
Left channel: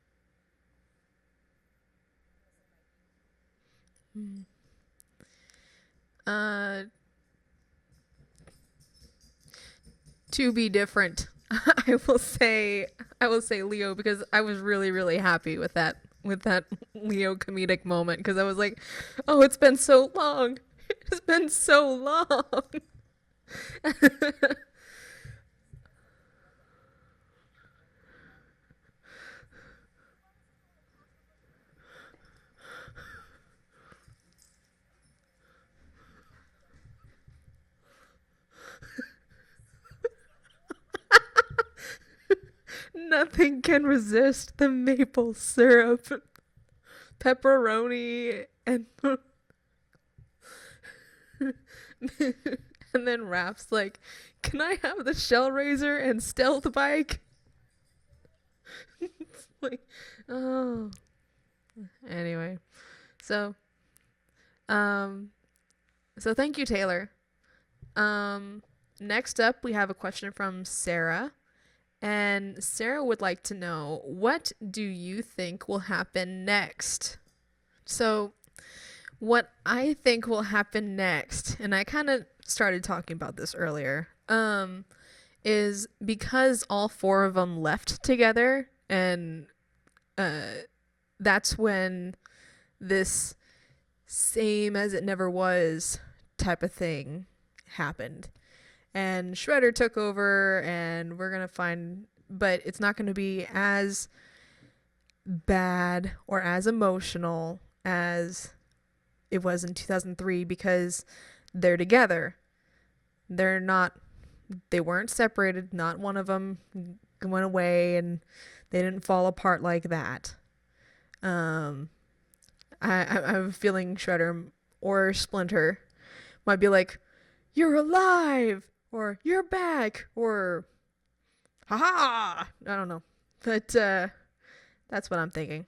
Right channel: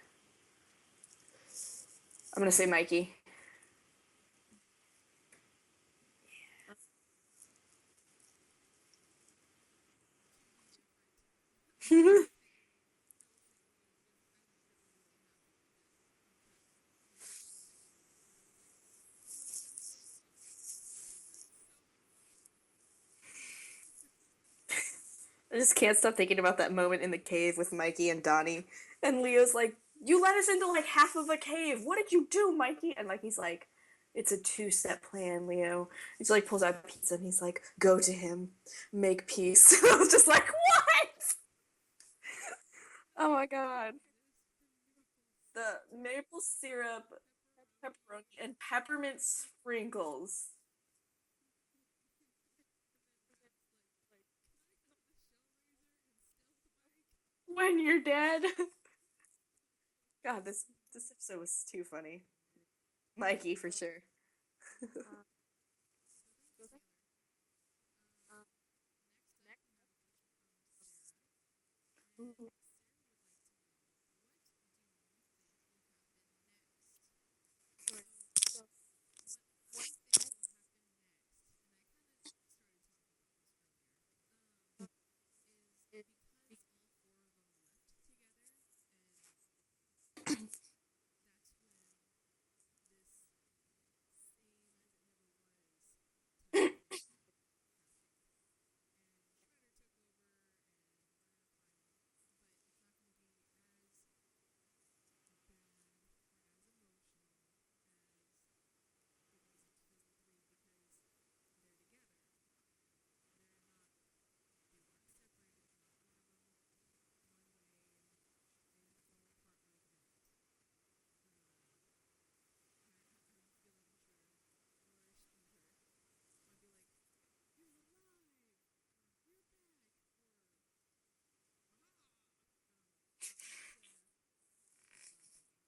I'm gonna say Mikey. To be different, I will say Leo, because I was really, really happy with that Leo comedic moment, because I was like, oh, it's been so long. It's been so long. I just can't stop thinking about that moment in the cave with Mikey and Donnie. And Leo's like, you let us into like half of a cave. What did you do, Mikey? And Mikey's like, it's a 2-step plan, Leo. He just like pulls out pizza and he's like, go to him, make peace. I was just like, what? Nothing can resist the maple syrup. Maple syrup, pepperoni, and peppermint sprinkles. And then Raph's like, can I have the shell razor and stealth bike? When you're dead. Like, God, this episode was too funny. Anyway. Mikey, for sure. So thank you, Taylor. Next up, we have a question from Sarah. And Sarah would like to know, what do you think will happen next? So what I think will happen next, and I kind of started talking about this earlier, is because all 4 of them left together, and that's when this same as it never was type of thing happened. And Shredder took over, and we're going to find, but it's not going to be as bad or as emotional as it was in 2003, because they're together. They weren't separated. Not one of them went away, and they didn't fall apart like that. I'm feeling Shredder or Splinter might be like, you're alive, or you're back, or haha, I don't know, but that's what I'm thinking.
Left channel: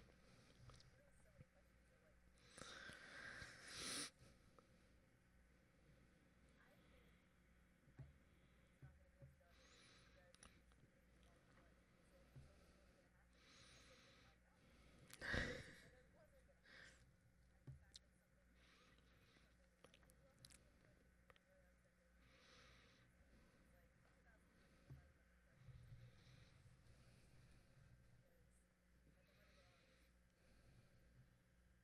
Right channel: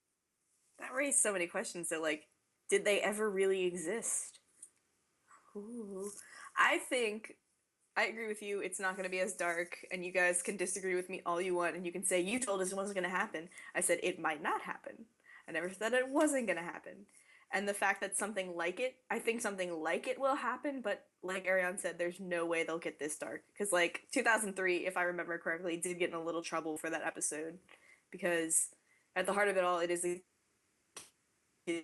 That raised so many questions. So like, did they ever really exist? Ooh. I agree with you. It's not going to be as dark, and you guys can disagree with me all you want, and you can say, you told us it wasn't going to happen. I said it might not happen. I never said it wasn't going to happen. And the fact that I think something like it will happen, but like Ariane said, there's no way they'll get this dark. Because like 2003, if I remember correctly, did get in a little trouble for that episode. Because at the heart of it all, it is a kid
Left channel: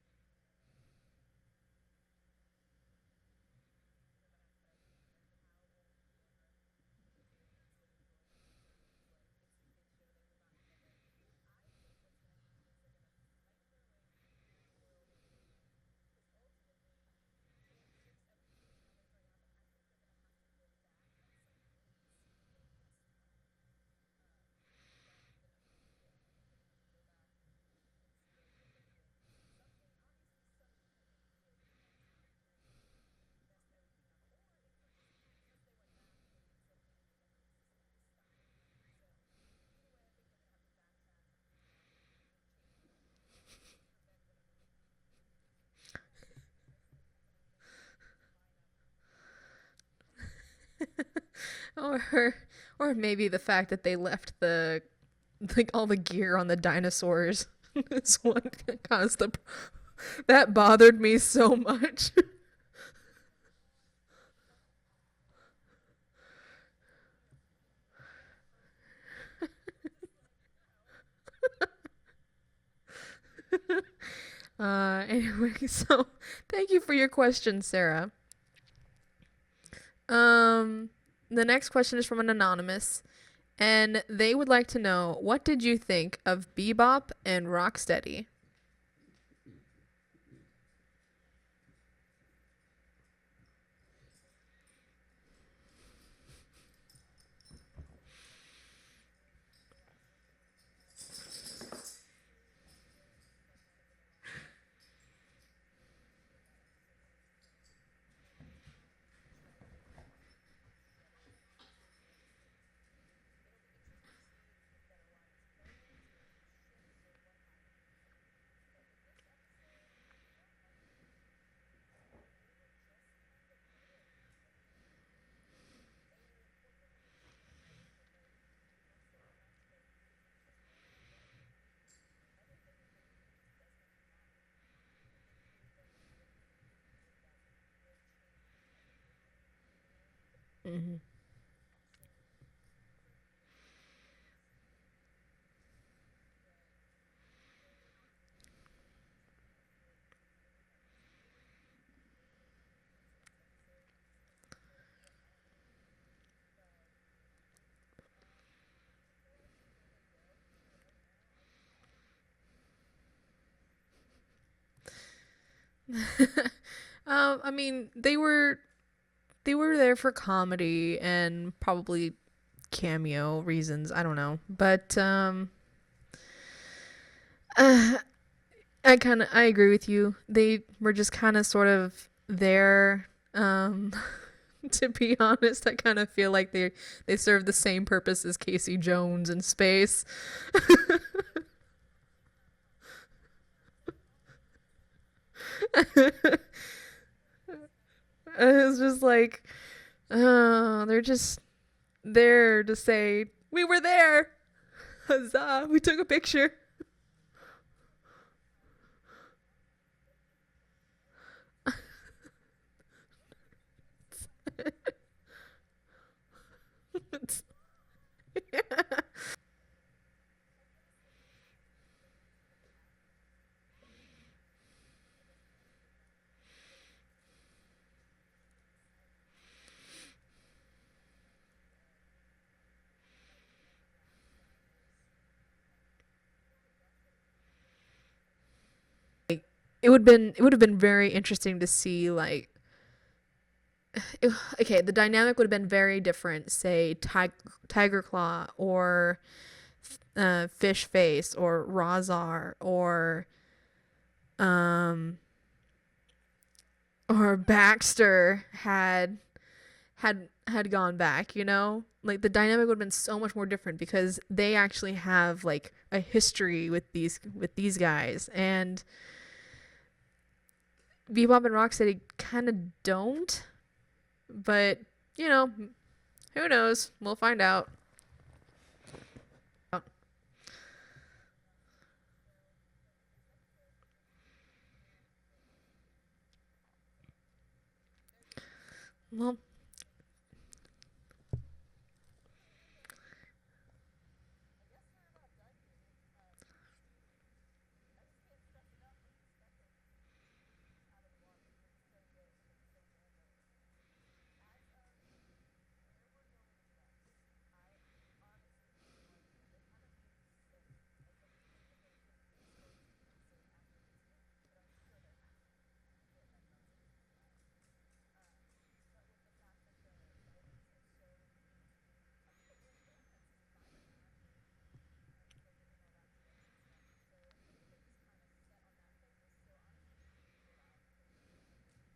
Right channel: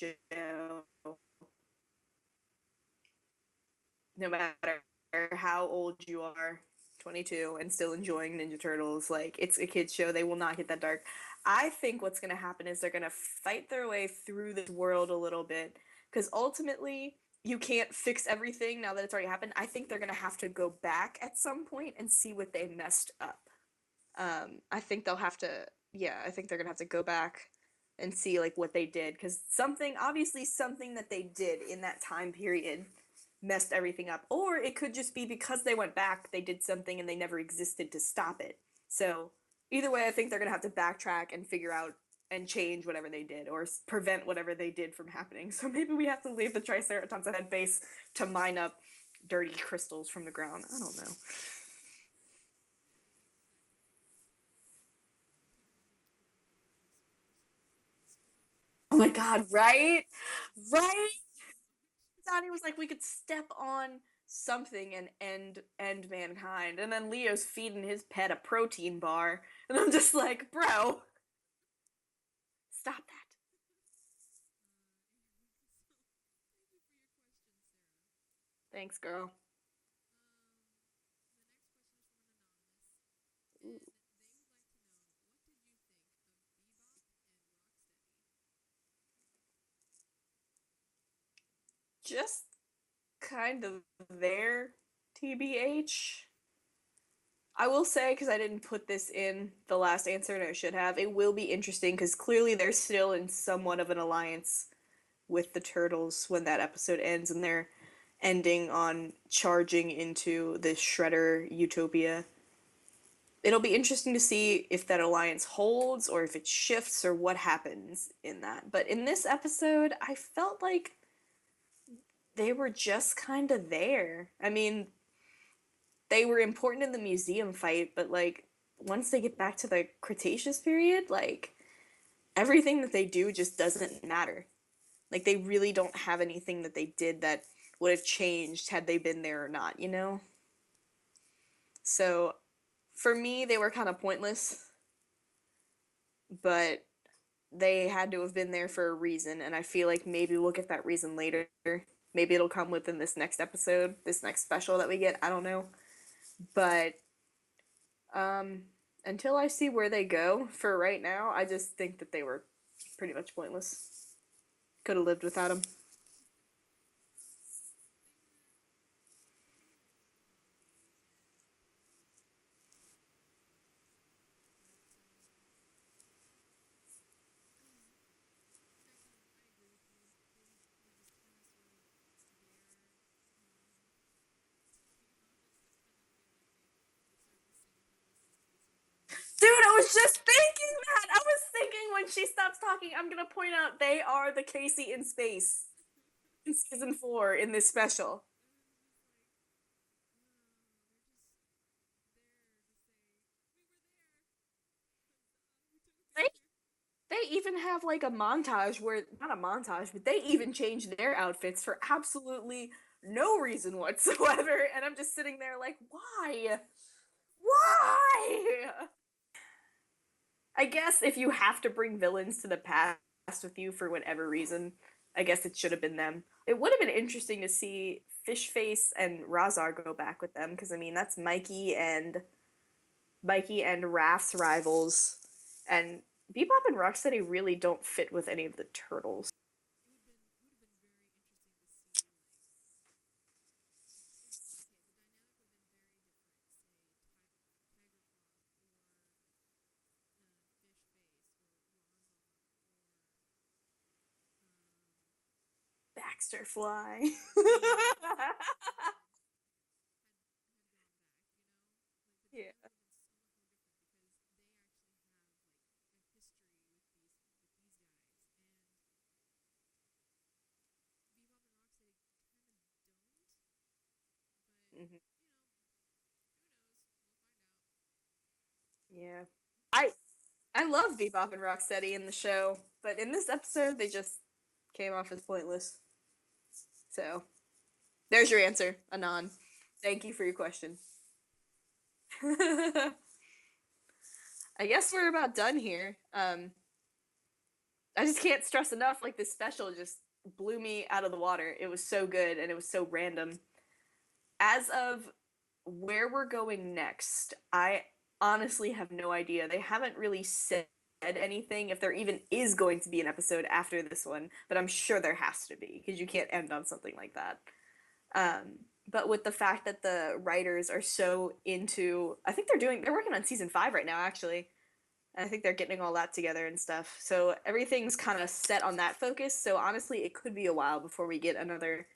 show. No matter how old you are, 22, and still enjoying Ninja Turtles, like, it's a kid's show. They will not get that dark. I think what's going to happen is they're going to fight their way through this world a little bit, because ultimately, you can't fix everything now that it's already happened. I think they're going to have to go back at some point and see what they messed up. I think they'll have to, I think they're going to have to go back and see, like, what they did, because something that they did in that time period messed everything up. Or it could just be because they went back, they did something and they never existed to stop it. So either way, I think they're going to have to backtrack and figure out and change whatever they did, or prevent whatever they did from happening. So maybe we have to leave the Triceratops head base to mine up dirty crystals from the ground. I don't know. or maybe the fact that they left all the gear on the dinosaurs. Is one oh my God, right? That bothered me so much. Donnie was like, we could step on something and end mankind, and then Leo's feeding his pet a protein bar, and I'm just like, bro, stop that. Anyway, so thank you for your question, Sarah. Thanks, girl. The next question is from an anonymous, and they would like to know, what did you think of Bebop and Rocksteady? Just kind of there, TBH. I will say, because I didn't put this in the last answer and I should have, it will be interesting because clearly they're still in somewhat of an alliance with the Turtles when that episode ends, and they're ending on charging into the Shredder utopia. It'll be interesting to see if that alliance holds or if it shifts or what happens in that. But in this episode, I felt like they were just kind of there. I mean, they were important in the museum fight, but like once they get back to the Cretaceous period, like everything that they do just doesn't matter. Like they really don't have anything that they did that would have changed had they been there or not, you know? Mm-hmm. So for me, they were kind of pointless, but they had to have been there for a reason, and I feel like maybe we'll get that reason later. Maybe it'll come within this next episode, this next special that we get. I don't know. But until I see where they go, for right now, I just think that they were pretty much pointless. Could have lived without them. I mean, they were there for comedy and probably cameo reasons. I don't know, but uh, I agree with you. They were just kind of sort of there. To be honest, I kind of feel like they serve the same purpose as Casey Jones in Dude, I was space. just thinking that. I was thinking when she stops talking, I'm gonna point out they are the Casey in space in season 4 in this special. It's just like, they're just there to say we were there. Huzzah! We took a picture. They even have like a montage where, not a montage, but they even change their outfits for absolutely no reason whatsoever. And I'm just sitting there like, why? Why? I guess if you have to bring villains to the past with you for whatever reason, I guess it should have been them. It would have been interesting to see Fishface and Razar go back with them, because I mean that's Mikey and Raph's rivals, and Bebop and Rocksteady really don't fit with any of the turtles. Like, it would have been very interesting to see, like, okay, the dynamic would have been very different. Say Tiger Claw or Fish Face or Razar um Baxter Fly. or Baxter had gone back, you know? Like the dynamic would have been so much more different because they actually have like a history with these guys, and Bebop and Rocksteady kind of don't. But, you know, who knows? We'll find out. Yeah. I love Bebop and Rocksteady in the show, but in this episode they just came off as pointless. So, there's your answer, Anon. Well, Thank you for your question. I guess we're about done here. I just can't stress enough, like, this special just blew me out of the water. It was so good, and it was so random. As of where we're going next, I honestly have no idea. They haven't really said anything, if there even is going to be an episode after this one, but I'm sure there has to be, because you can't end on something like that. But with the fact that the writers are so into, I think they're working on season 5 right now, actually. And I think they're getting all that together and stuff. So everything's kind of set on that focus. So honestly, it could be a while before we get another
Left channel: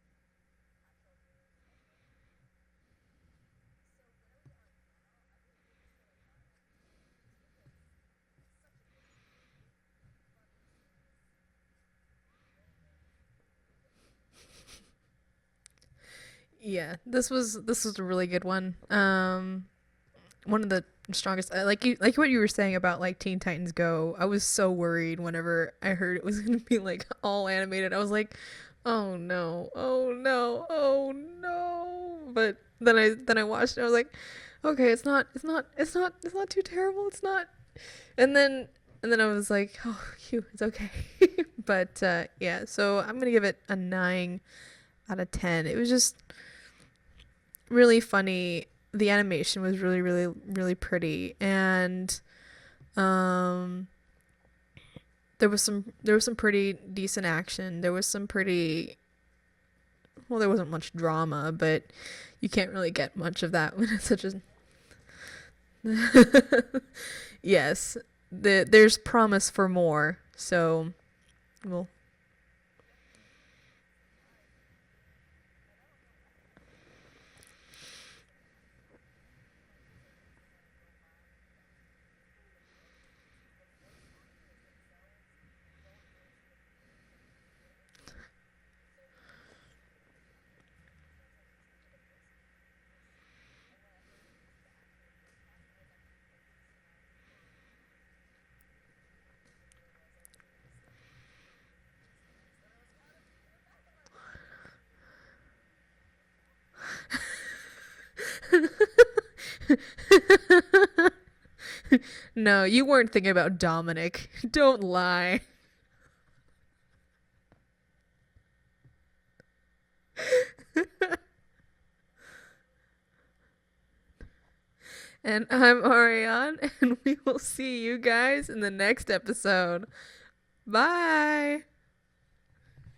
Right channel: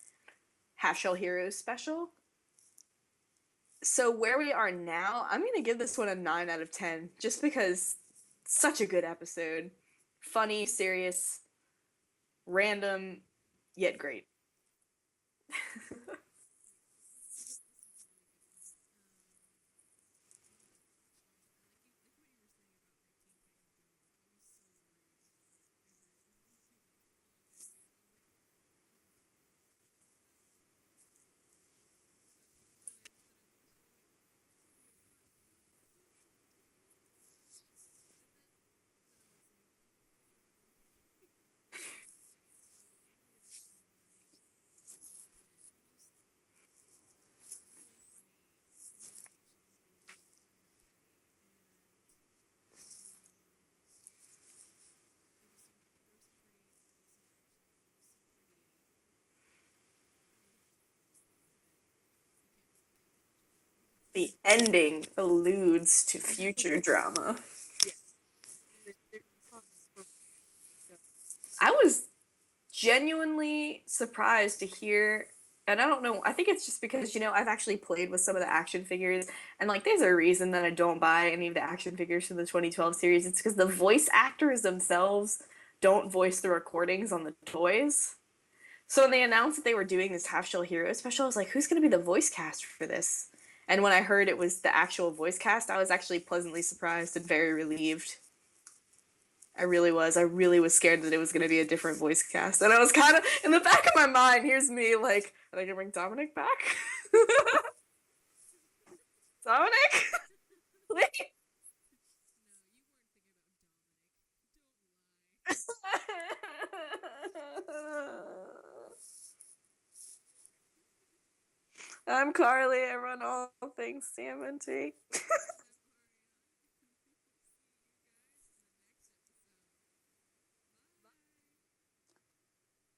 Half Shell Heroes special. So where we are now, I'm going to give this one a 9 out of 10. Just because such a good episode. Funny, serious, random, yet great. yeah, this was a really good one. One of the strongest, like what you were saying about like Teen Titans Go. I was so worried whenever I heard it was going to be like all animated. I was like, "Oh no. Oh no. Oh no." But then I watched it. I was like, "Okay, it's not too terrible. It's not." And then I was like, "Oh, phew, it's okay." But yeah, so I'm going to give it a 9 out of 10. It was just really funny the animation was really, really, really pretty, and um, there was some pretty decent action. There was some pretty well, there wasn't much drama, but you can't really get much of that when it's such The a ending alludes to future drama. yes. There's promise for more. So I was genuinely surprised to hear, and I don't know, I think it's just because, I've actually played with some of the action figures, and like there's a reason that I don't buy any of the action figures from the 2012 series. It's because the voice actors themselves don't voice the recordings on the toys. So when they announced that they were doing this Half Shell Hero special, I was like, who's going to be the voice cast for this? And when I heard it was the actual voice cast, I was actually pleasantly surprised and very relieved. I really was. I really was scared that it was going to be a different voice cast. And I was kind of, in the back of my mind, here's me like, are they going to bring Dominic back? Dominic? no, you weren't thinking about Dominic. Don't lie. I'm Carly. I run all things TMNT. And I'm Ariane, and we will see you guys in the next episode. Bye.